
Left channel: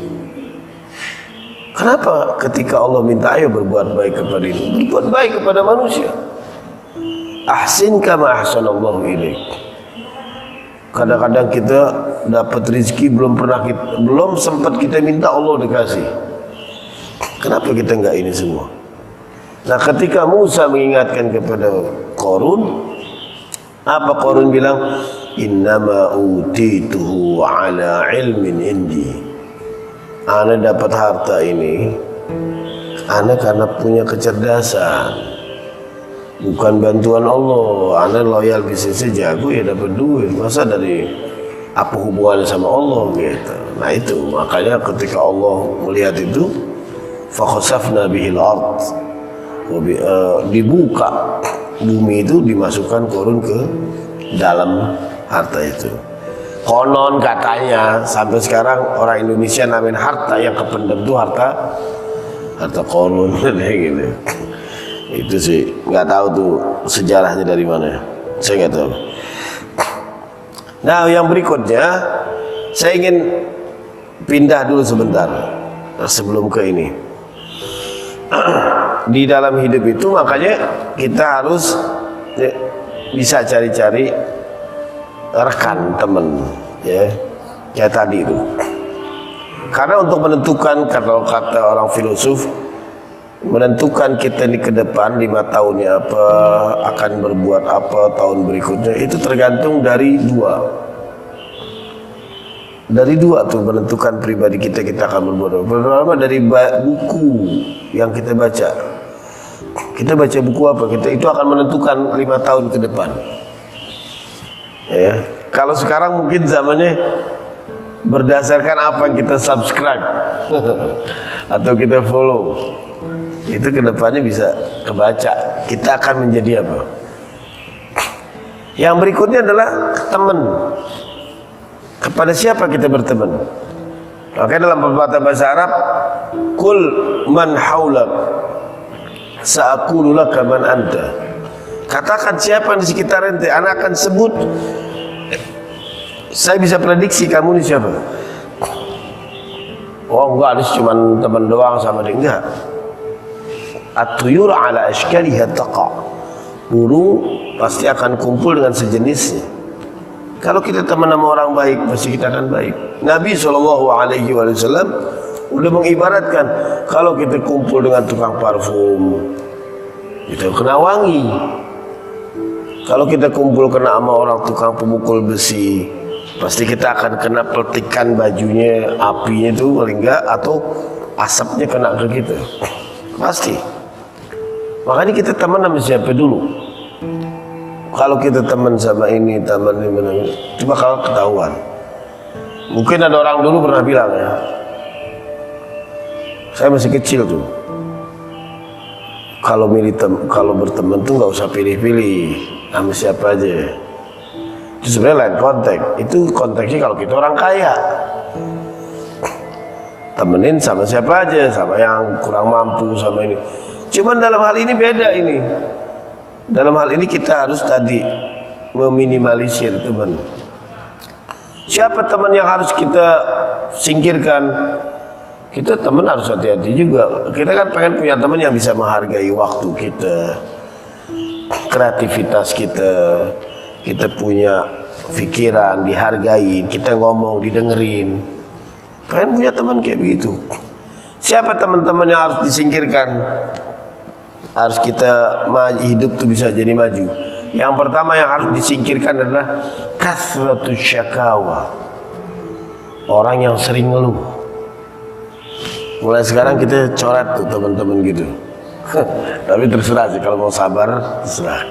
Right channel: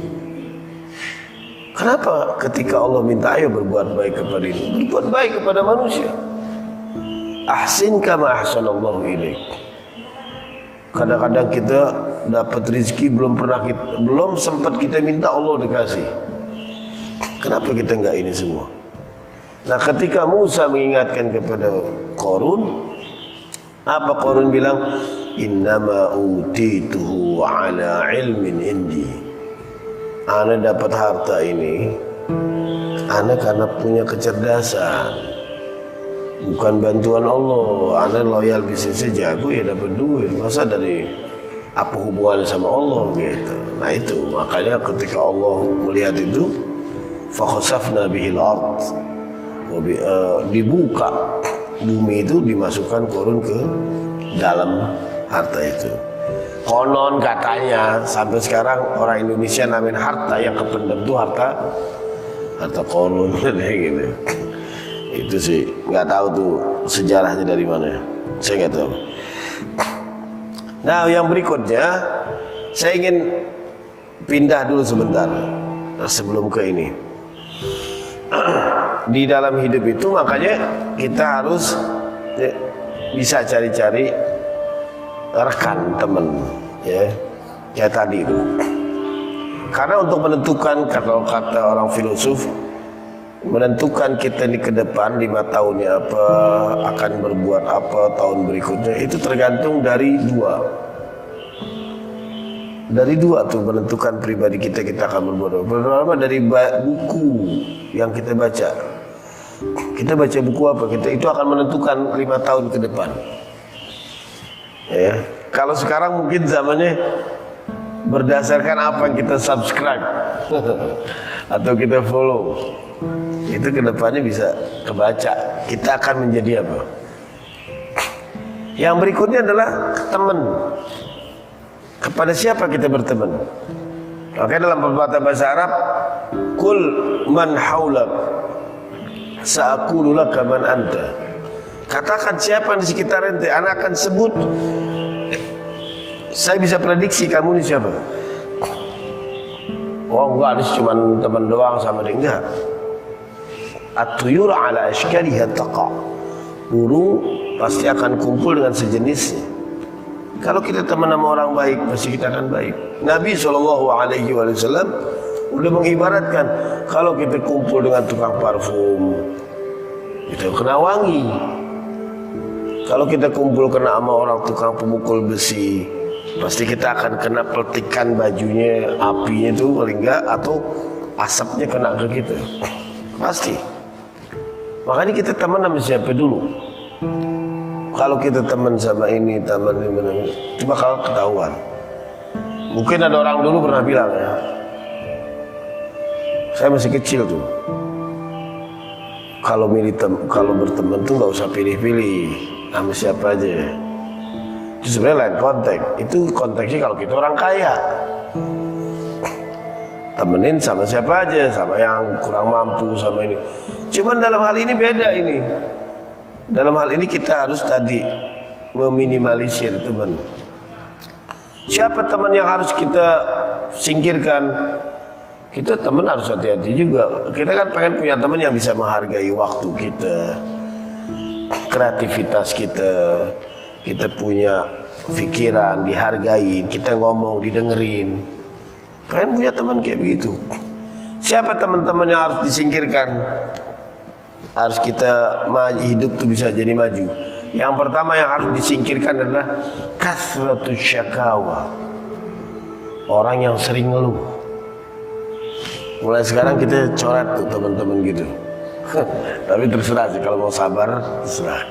Kenapa ketika Allah minta ayo berbuat baik kepada ini, berbuat baik kepada manusia. Ahsin kama ahsanallahu ilaik. Kadang-kadang kita dapat rezeki belum sempat kita minta Allah dikasih. Kenapa kita enggak ini semua? Nah ketika Musa mengingatkan kepada Qarun, apa Qarun bilang? Innama utituhu ala ilmin indi. Ana dapat harta ini, ana karena punya kecerdasan, bukan bantuan Allah. Ana loyal bisnisnya jago ya dapat duit. Masa dari apa hubungannya sama Allah gitu. Nah itu makanya ketika Allah melihat itu, fakhasafna bihil ard, dibuka bumi itu, dimasukkan Qarun ke dalam harta itu. Konon katanya sampai sekarang orang Indonesia namain harta yang kependem itu harta Qarun gitu. Itu sih nggak tahu tuh sejarahnya dari mana. Saya nggak tahu. Nah yang berikutnya saya ingin pindah dulu sebentar sebelum ke ini. Di dalam hidup itu makanya kita harus bisa cari-cari rekan teman, ya kayak tadi itu. Karena untuk menentukan, kalau kata orang filosof, menentukan kita ini ke depan 5 tahunnya apa, akan berbuat apa tahun berikutnya, itu tergantung dari dua. Dari dua tuh menentukan pribadi kita akan berbuat apa. Pertama dari buku yang kita baca. Kita baca buku apa, itu akan menentukan 5 tahun ke depan. Ya. Kalau sekarang mungkin zamannya berdasarkan apa yang kita subscribe atau kita follow, itu ke depannya bisa kebaca kita akan menjadi apa. Yang berikutnya adalah teman. Kepada siapa kita berteman? Makanya dalam pepatah bahasa Arab, kul man haulak sa'akulu laka man anta. Katakan siapa di sekitar ente, anak akan sebut. Saya bisa prediksi kamu ini siapa. Oh enggak, ini cuma teman doang sama dia. Enggak. At-tuyur ala ashkaliha taqa. Burung pasti akan kumpul dengan sejenisnya. Kalau kita teman sama orang baik, pasti kita akan baik. Nabi SAW udah mengibaratkan, kalau kita kumpul dengan tukang parfum, itu kena wangi. Kalau kita kumpul kena sama orang tukang pemukul besi, pasti kita akan kena peltikan bajunya, apinya itu paling enggak, atau asapnya kena ke kita, pasti. Makanya kita teman sama siapa dulu. Kalau kita teman sama ini, teman ini, cuma kalau ketahuan. Mungkin ada orang dulu pernah bilang ya, saya masih kecil tuh, kalau berteman tuh nggak usah pilih-pilih sama siapa aja. Itu sebenarnya lain konteks. Itu konteksnya kalau kita orang kaya, temenin sama siapa aja, sama yang kurang mampu, sama ini. Cuman dalam hal ini beda ini. Dalam hal ini kita harus tadi meminimalisir teman. Siapa teman yang harus kita singkirkan? Kita teman harus hati-hati juga. Kita kan pengen punya teman yang bisa menghargai waktu kita, kreativitas kita. Kita punya pikiran, dihargai, kita ngomong, didengerin. Pengen punya teman kayak begitu. Siapa teman-teman yang harus disingkirkan? Harus kita hidup tuh bisa jadi maju. Yang pertama yang harus disingkirkan adalah kasratus syakawa. Orang yang sering ngeluh. Mulai sekarang kita coret tuh teman-teman gitu. Tapi terserah sih, kalau mau sabar terserah.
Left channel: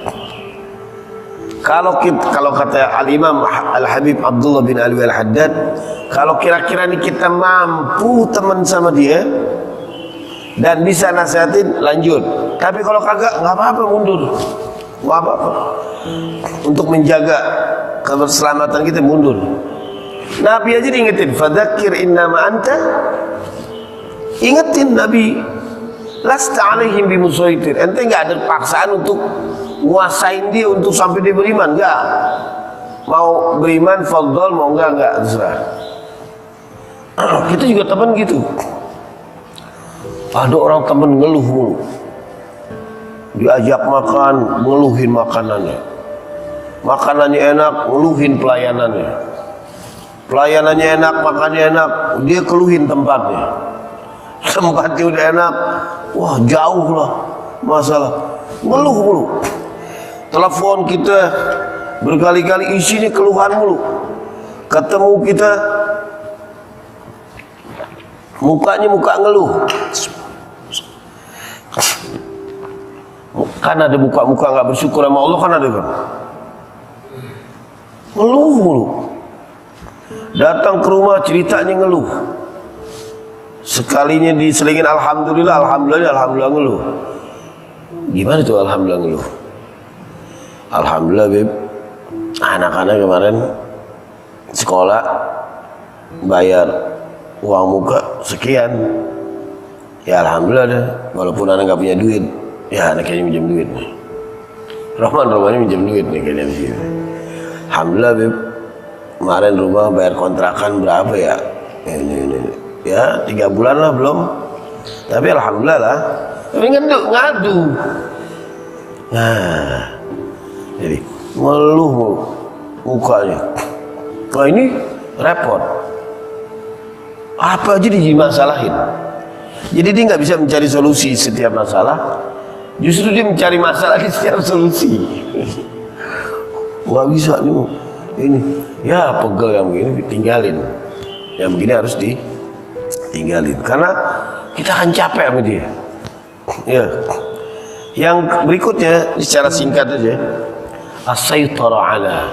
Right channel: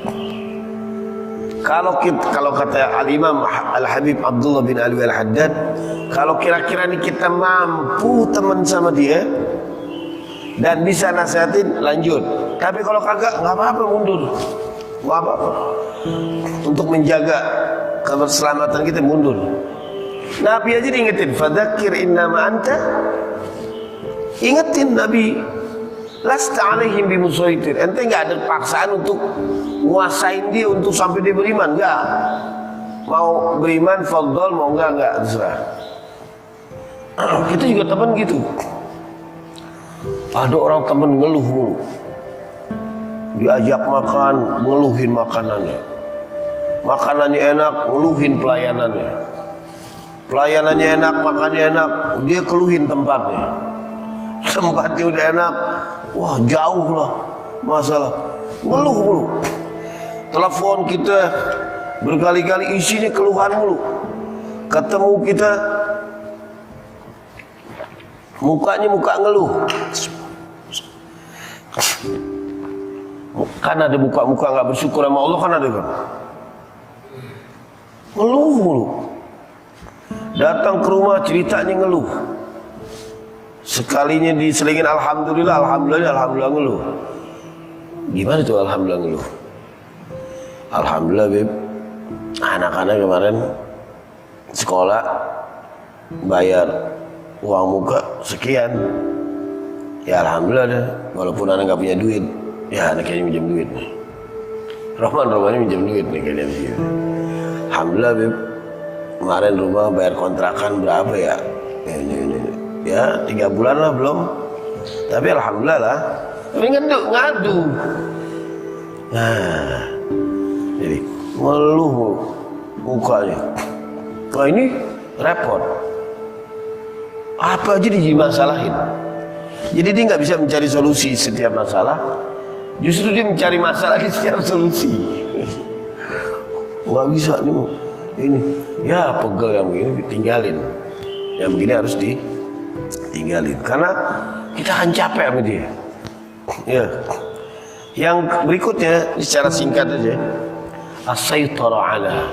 Kalau kata Al-Imam Al-Habib Abdullah bin Alwi Al-Haddad, kalau kira-kira ini kita mampu teman sama dia dan bisa nasihatin, lanjut. Tapi kalau kagak, nggak apa-apa, mundur. Nggak apa-apa. Untuk menjaga keselamatan kita, mundur. Nabi aja diingetin, fadzakir innama anta. Ingetin Nabi, lasta alaihim bimusaitir. Ente nggak ada paksaan untuk nguasain dia untuk sampai dia beriman, nggak. Mau beriman, fadl, mau nggak, terserah. Kita juga teman gitu. Ada orang temen ngeluh mulu, diajak makan, ngeluhin makanannya. Makanannya enak, ngeluhin pelayanannya. Pelayanannya enak, makannya enak, dia keluhin tempatnya. Tempatnya udah enak, wah jauh lah masalah, ngeluh mulu. Telepon kita berkali-kali isinya keluhan mulu. Ketemu kita, mukanya muka ngeluh. Kan ada muka-muka nggak bersyukur sama Allah, kan ada kan? Ngeluh mulu. Datang ke rumah ceritanya ngeluh. Sekalinya diselingin alhamdulillah, alhamdulillah ngeluh. Gimana tuh alhamdulillah ngeluh? Alhamdulillah Beb, anak-anak kemarin sekolah bayar uang muka sekian. Ya alhamdulillah deh, walaupun anak nggak punya duit, ya anak kayaknya minjem duit. Romannya minjem duit nih kayaknya begini. Alhamdulillah Beb, kemarin rumah bayar kontrakan berapa ya? Ini. Ya 3 bulan lah belum. Tapi alhamdulillah lah. Tapi ngadu. Nah, jadi ngeluh mukanya. Wah ini repot. Apa aja dimasalahin. Jadi dia nggak bisa mencari solusi setiap masalah. Justru dia mencari masalah di setiap solusi. Nggak bisa nih. Ini ya pegel yang begini tinggalin. Yang begini harus ditinggalin. Karena kita akan capek sama dia. Ya. Yang berikutnya secara singkat aja. As-saytara ala.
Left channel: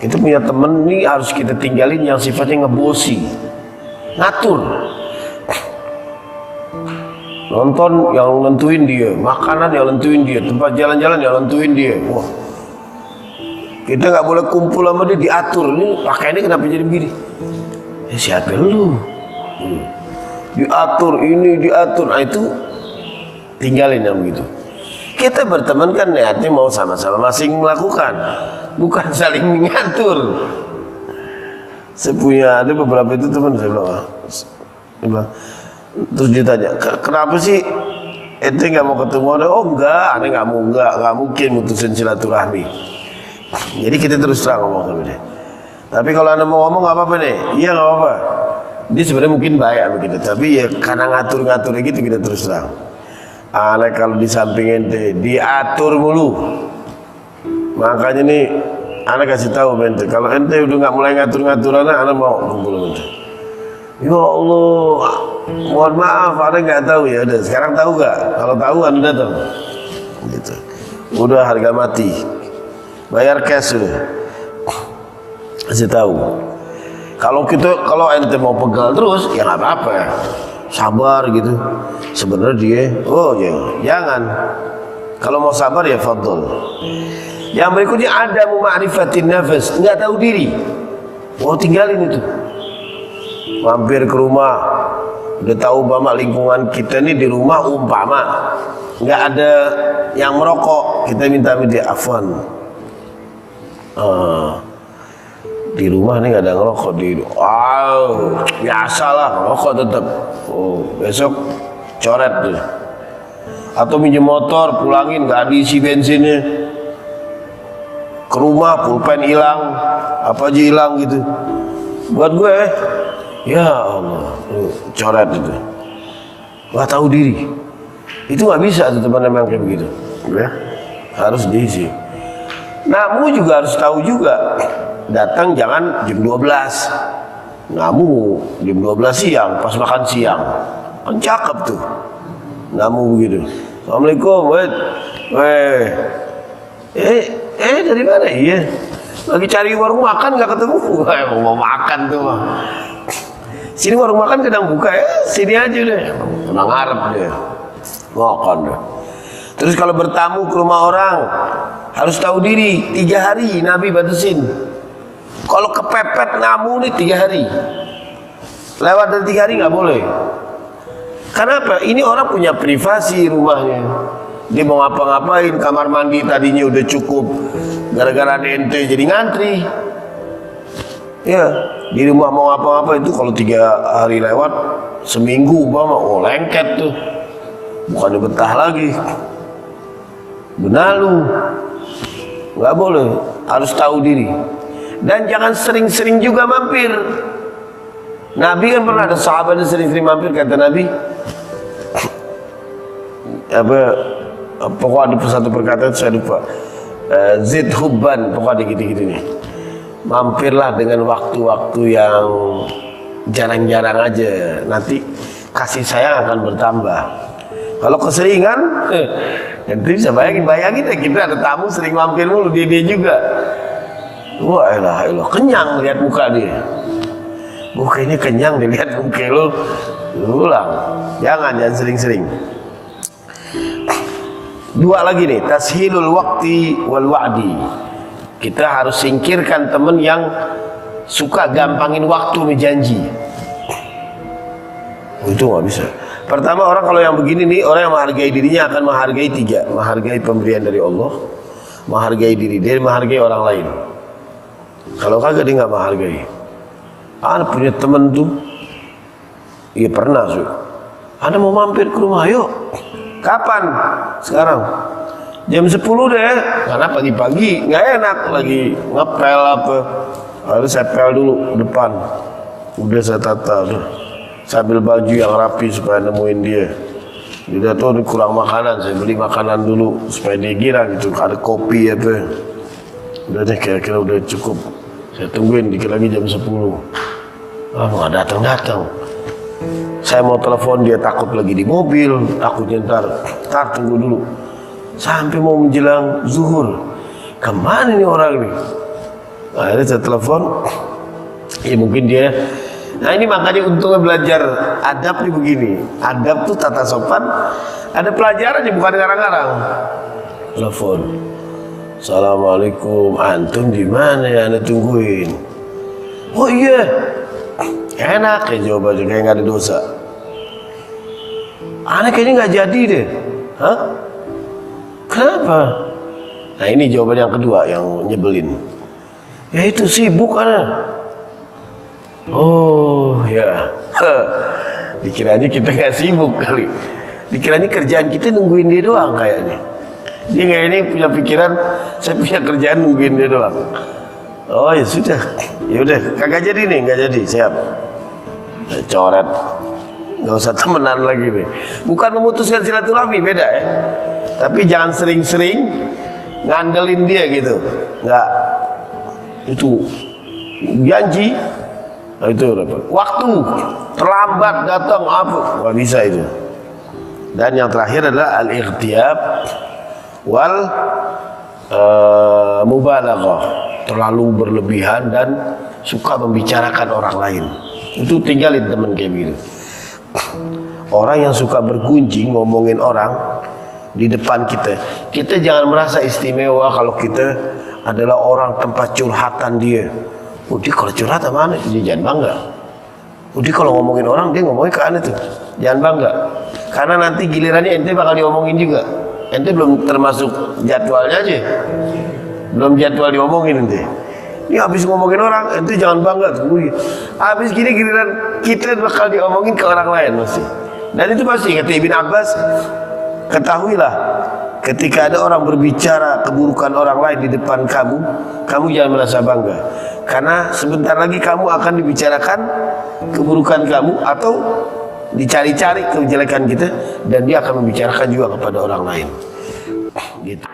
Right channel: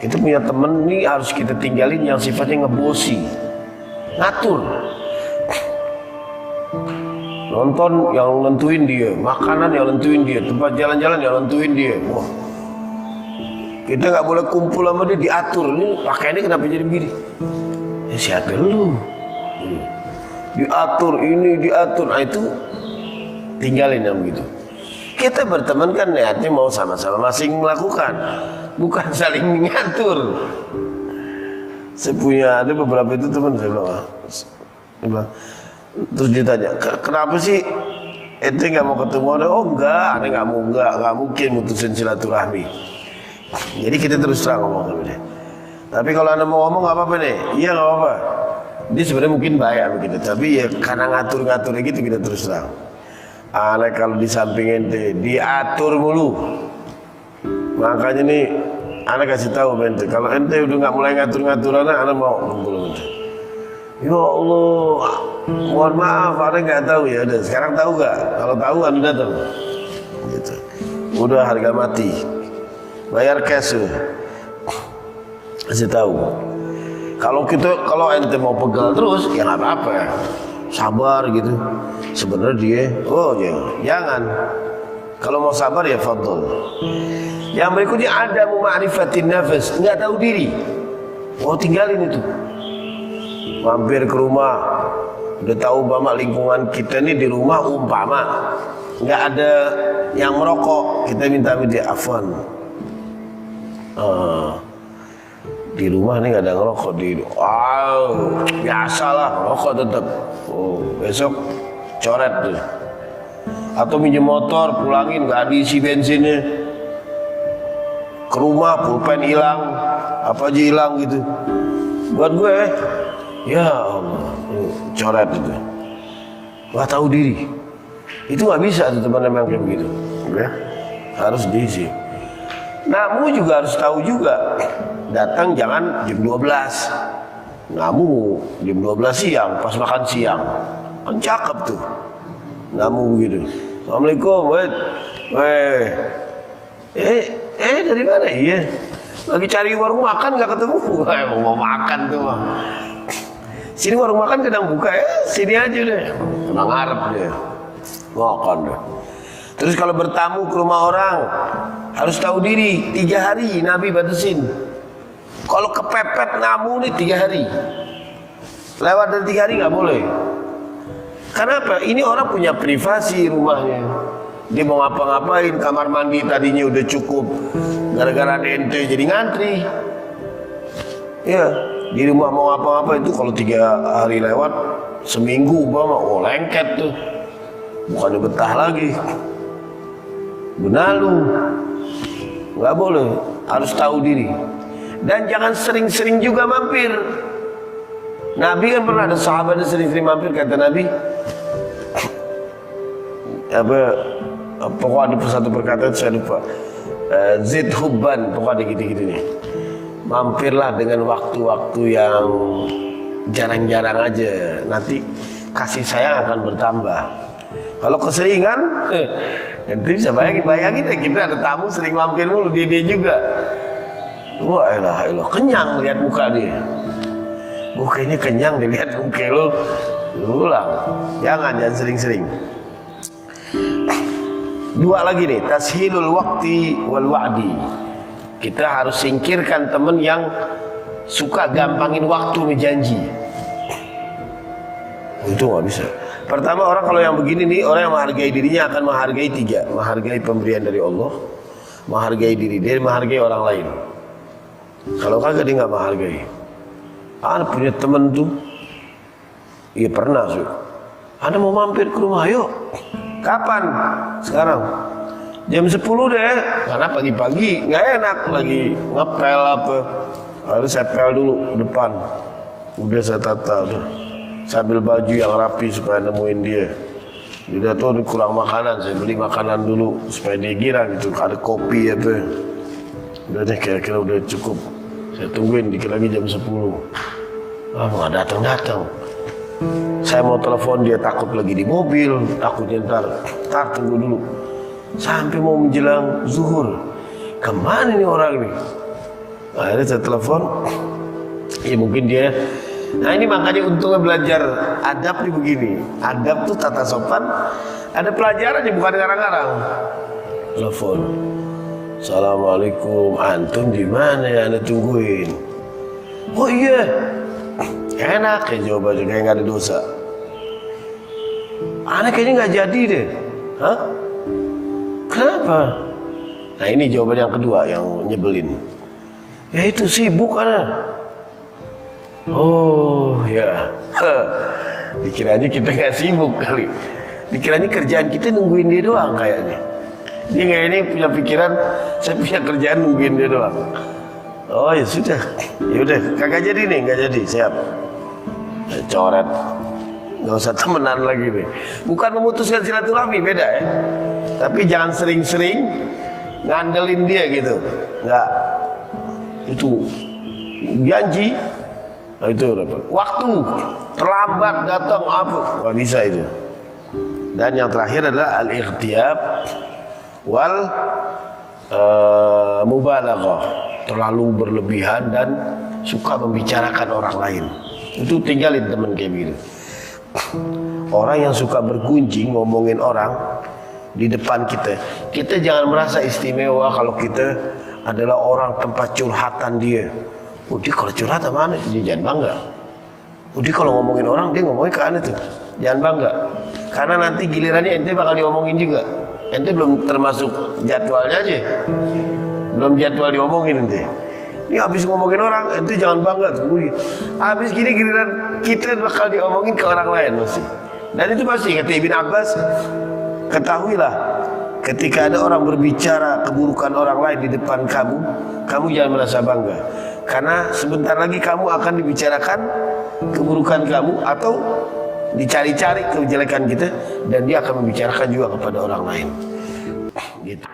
Kita punya temen nih harus kita tinggalin yang sifatnya ngebosi, ngatur. Nonton yang nentuin dia, makanan yang nentuin dia, tempat jalan-jalan yang nentuin dia. Wah, kita nggak boleh kumpul sama dia, diatur. Ini pakaiannya kenapa jadi begini? Ya siapa lu? Diatur ini, diatur. Nah itu tinggalin yang begitu. Kita berteman kan niatnya mau sama-sama masing melakukan, bukan saling mengatur. Saya punya ada beberapa itu teman saya bilang, terus ditanya, kenapa sih ente nggak mau ketemu? Oh enggak, ane nggak mungkin mutusin silaturahmi. Jadi kita terus terang ngomong sama dia. Tapi kalau anda mau ngomong nggak apa-apa nih, iya nggak apa-apa. Dia sebenarnya mungkin baik sama kita, tapi ya karena ngatur-ngaturnya gitu kita terus terang. Anak kalau di samping ente diatur mulu, makanya nih Ana kasih tahu ente. Kalau ente udah nggak mulai ngatur-ngatur ana mau kumpul ente. Ya Allah, mohon maaf, ana nggak tahu ya. Udah, sekarang tahu nggak? Kalau tahu anda datang. Gitu. Udah harga mati. Bayar cash udah. Kasih tahu. Kalau ente mau pegal terus, ya nggak apa-apa. Sabar gitu. Sebenarnya dia, jangan. Kalau mau sabar ya fadl. Yang berikutnya ada ma'rifatin nafas, nggak tahu diri. Tinggalin itu. Mampir ke rumah, udah tahu bahwa lingkungan kita ini di rumah umpama nggak ada yang merokok, kita minta dia afwan. Di rumah nih nggak ada ngerokok biasalah ngerokok tetap. Besok coret tuh. Atau minjem motor, pulangin nggak diisi bensinnya. Ke rumah pulpen hilang, apa aja hilang gitu. Buat gue, ya Allah, coret itu. Nggak tahu diri. Itu nggak bisa tuh teman-teman kayak begitu. Ya, harus diisi. Namu juga harus tahu juga. Datang jangan jam 12. Namu jam 12 siang, pas makan siang. Kan cakep tuh. Namu begitu. Assalamualaikum, dari mana? Iya. Lagi cari warung makan nggak ketemu. Mau makan tuh mah. Sini warung makan sedang buka ya. Sini aja deh. Tenang harap deh. Makan deh. Terus kalau bertamu ke rumah orang harus tahu diri. 3 hari Nabi batasin. Kalau kepepet namu nih 3 hari. Lewat dari 3 hari nggak boleh. Kenapa? Ini orang punya privasi rumahnya. Dia mau ngapa-ngapain, kamar mandi tadinya udah cukup. Gara-gara ada ente jadi ngantri. Ya, di rumah mau ngapa-ngapa itu kalau 3 hari lewat, seminggu lengket tuh. Bukan betah lagi. Benalu. Nggak boleh, harus tahu diri. Dan jangan sering-sering juga mampir. Nabi kan pernah ada sahabat yang sering-sering mampir, kata Nabi. Pokoknya di satu perkataan saya lupa. Zid hubban, pokoknya gitu-gitu nih. Mampirlah dengan waktu-waktu yang jarang-jarang aja. Nanti kasih sayang akan bertambah. Kalau keseringan, nanti bisa bayangin ya, kita ada tamu sering mampir mulu, dia juga. Wah elah, kenyang lihat muka dia. Kayaknya kenyang dilihat muka lo. Ulang, jangan sering-sering. 2 lagi nih, tashilul waqti wal wa'di. Kita harus singkirkan teman yang suka gampangin waktu berjanji. Itu nggak bisa. Pertama, orang kalau yang begini nih, orang yang menghargai dirinya akan menghargai 3. Menghargai pemberian dari Allah, menghargai diri dia, menghargai orang lain. Kalau kagak dia nggak menghargai. Punya temen tuh, iya pernah sih. Anda mau mampir ke rumah, yuk. Kapan? Sekarang. Jam 10 deh. Karena pagi-pagi nggak enak lagi ngepel apa. Lalu saya pel dulu depan. Udah saya tata tuh. Sambil baju yang rapi supaya nemuin dia. Dia tuh kurang makanan, saya beli makanan dulu supaya dia gira gitu. Ada kopi apa. Udah deh, kira-kira udah cukup. Saya tungguin dikit lagi jam 10. Nggak datang-datang. Saya mau telepon dia takut lagi di mobil, takutnya ntar tunggu dulu. Sampai mau menjelang zuhur. Kemana nih orang nih? Akhirnya saya telepon. Ya mungkin dia. Nah ini makanya untungnya belajar adab nih begini. Adab tuh tata sopan. Ada pelajarannya, bukan ngarang-ngarang. Telepon. Assalamualaikum, antum di mana ya? Anda tungguin. Oh iya. Enak ya jawabannya, kayak nggak ada dosa. Aneh kayaknya nggak jadi deh. Hah? Kenapa? Nah ini jawaban yang kedua yang nyebelin. Ya itu sibuk ana. Oh ya. Dikiranya kita nggak sibuk kali. Dikiranya kerjaan kita nungguin dia doang kayaknya. Dia kayak ini punya pikiran, saya punya kerjaan nungguin dia doang. Oh ya sudah, ya udah, kagak jadi nih, nggak jadi, siap. Coret, nggak usah temenan lagi nih. Bukan memutuskan silaturahmi, beda ya. Tapi jangan sering-sering ngandelin dia gitu, nggak. itu janji, nah, itu waktu terlambat datang apa nggak bisa itu. Dan yang terakhir adalah al-ightiyab wal mubalaghah, terlalu berlebihan dan suka membicarakan orang lain. Itu tinggalin teman kayak gitu. Orang yang suka bergunjing ngomongin orang di depan kita, kita jangan merasa istimewa kalau kita adalah orang tempat curhatan dia. Oh, dia kalau curhat mana? Dia jangan bangga. Oh, dia kalau ngomongin orang dia ngomongin ke anda tuh, jangan bangga. Karena nanti gilirannya ente bakal diomongin juga. Ente belum termasuk jadwalnya aja, belum jadwal diomongin ente. Ini habis ngomongin orang, ente jangan bangga. Habis gini giliran kita bakal diomongin ke orang lain masih. Dan itu pasti kata Ibn Abbas, ketahuilah ketika ada orang berbicara keburukan orang lain di depan kamu, kamu jangan merasa bangga. Karena sebentar lagi kamu akan dibicarakan keburukan kamu atau dicari-cari kejelekan kita, dan dia akan membicarakan juga kepada orang lain. Gitu.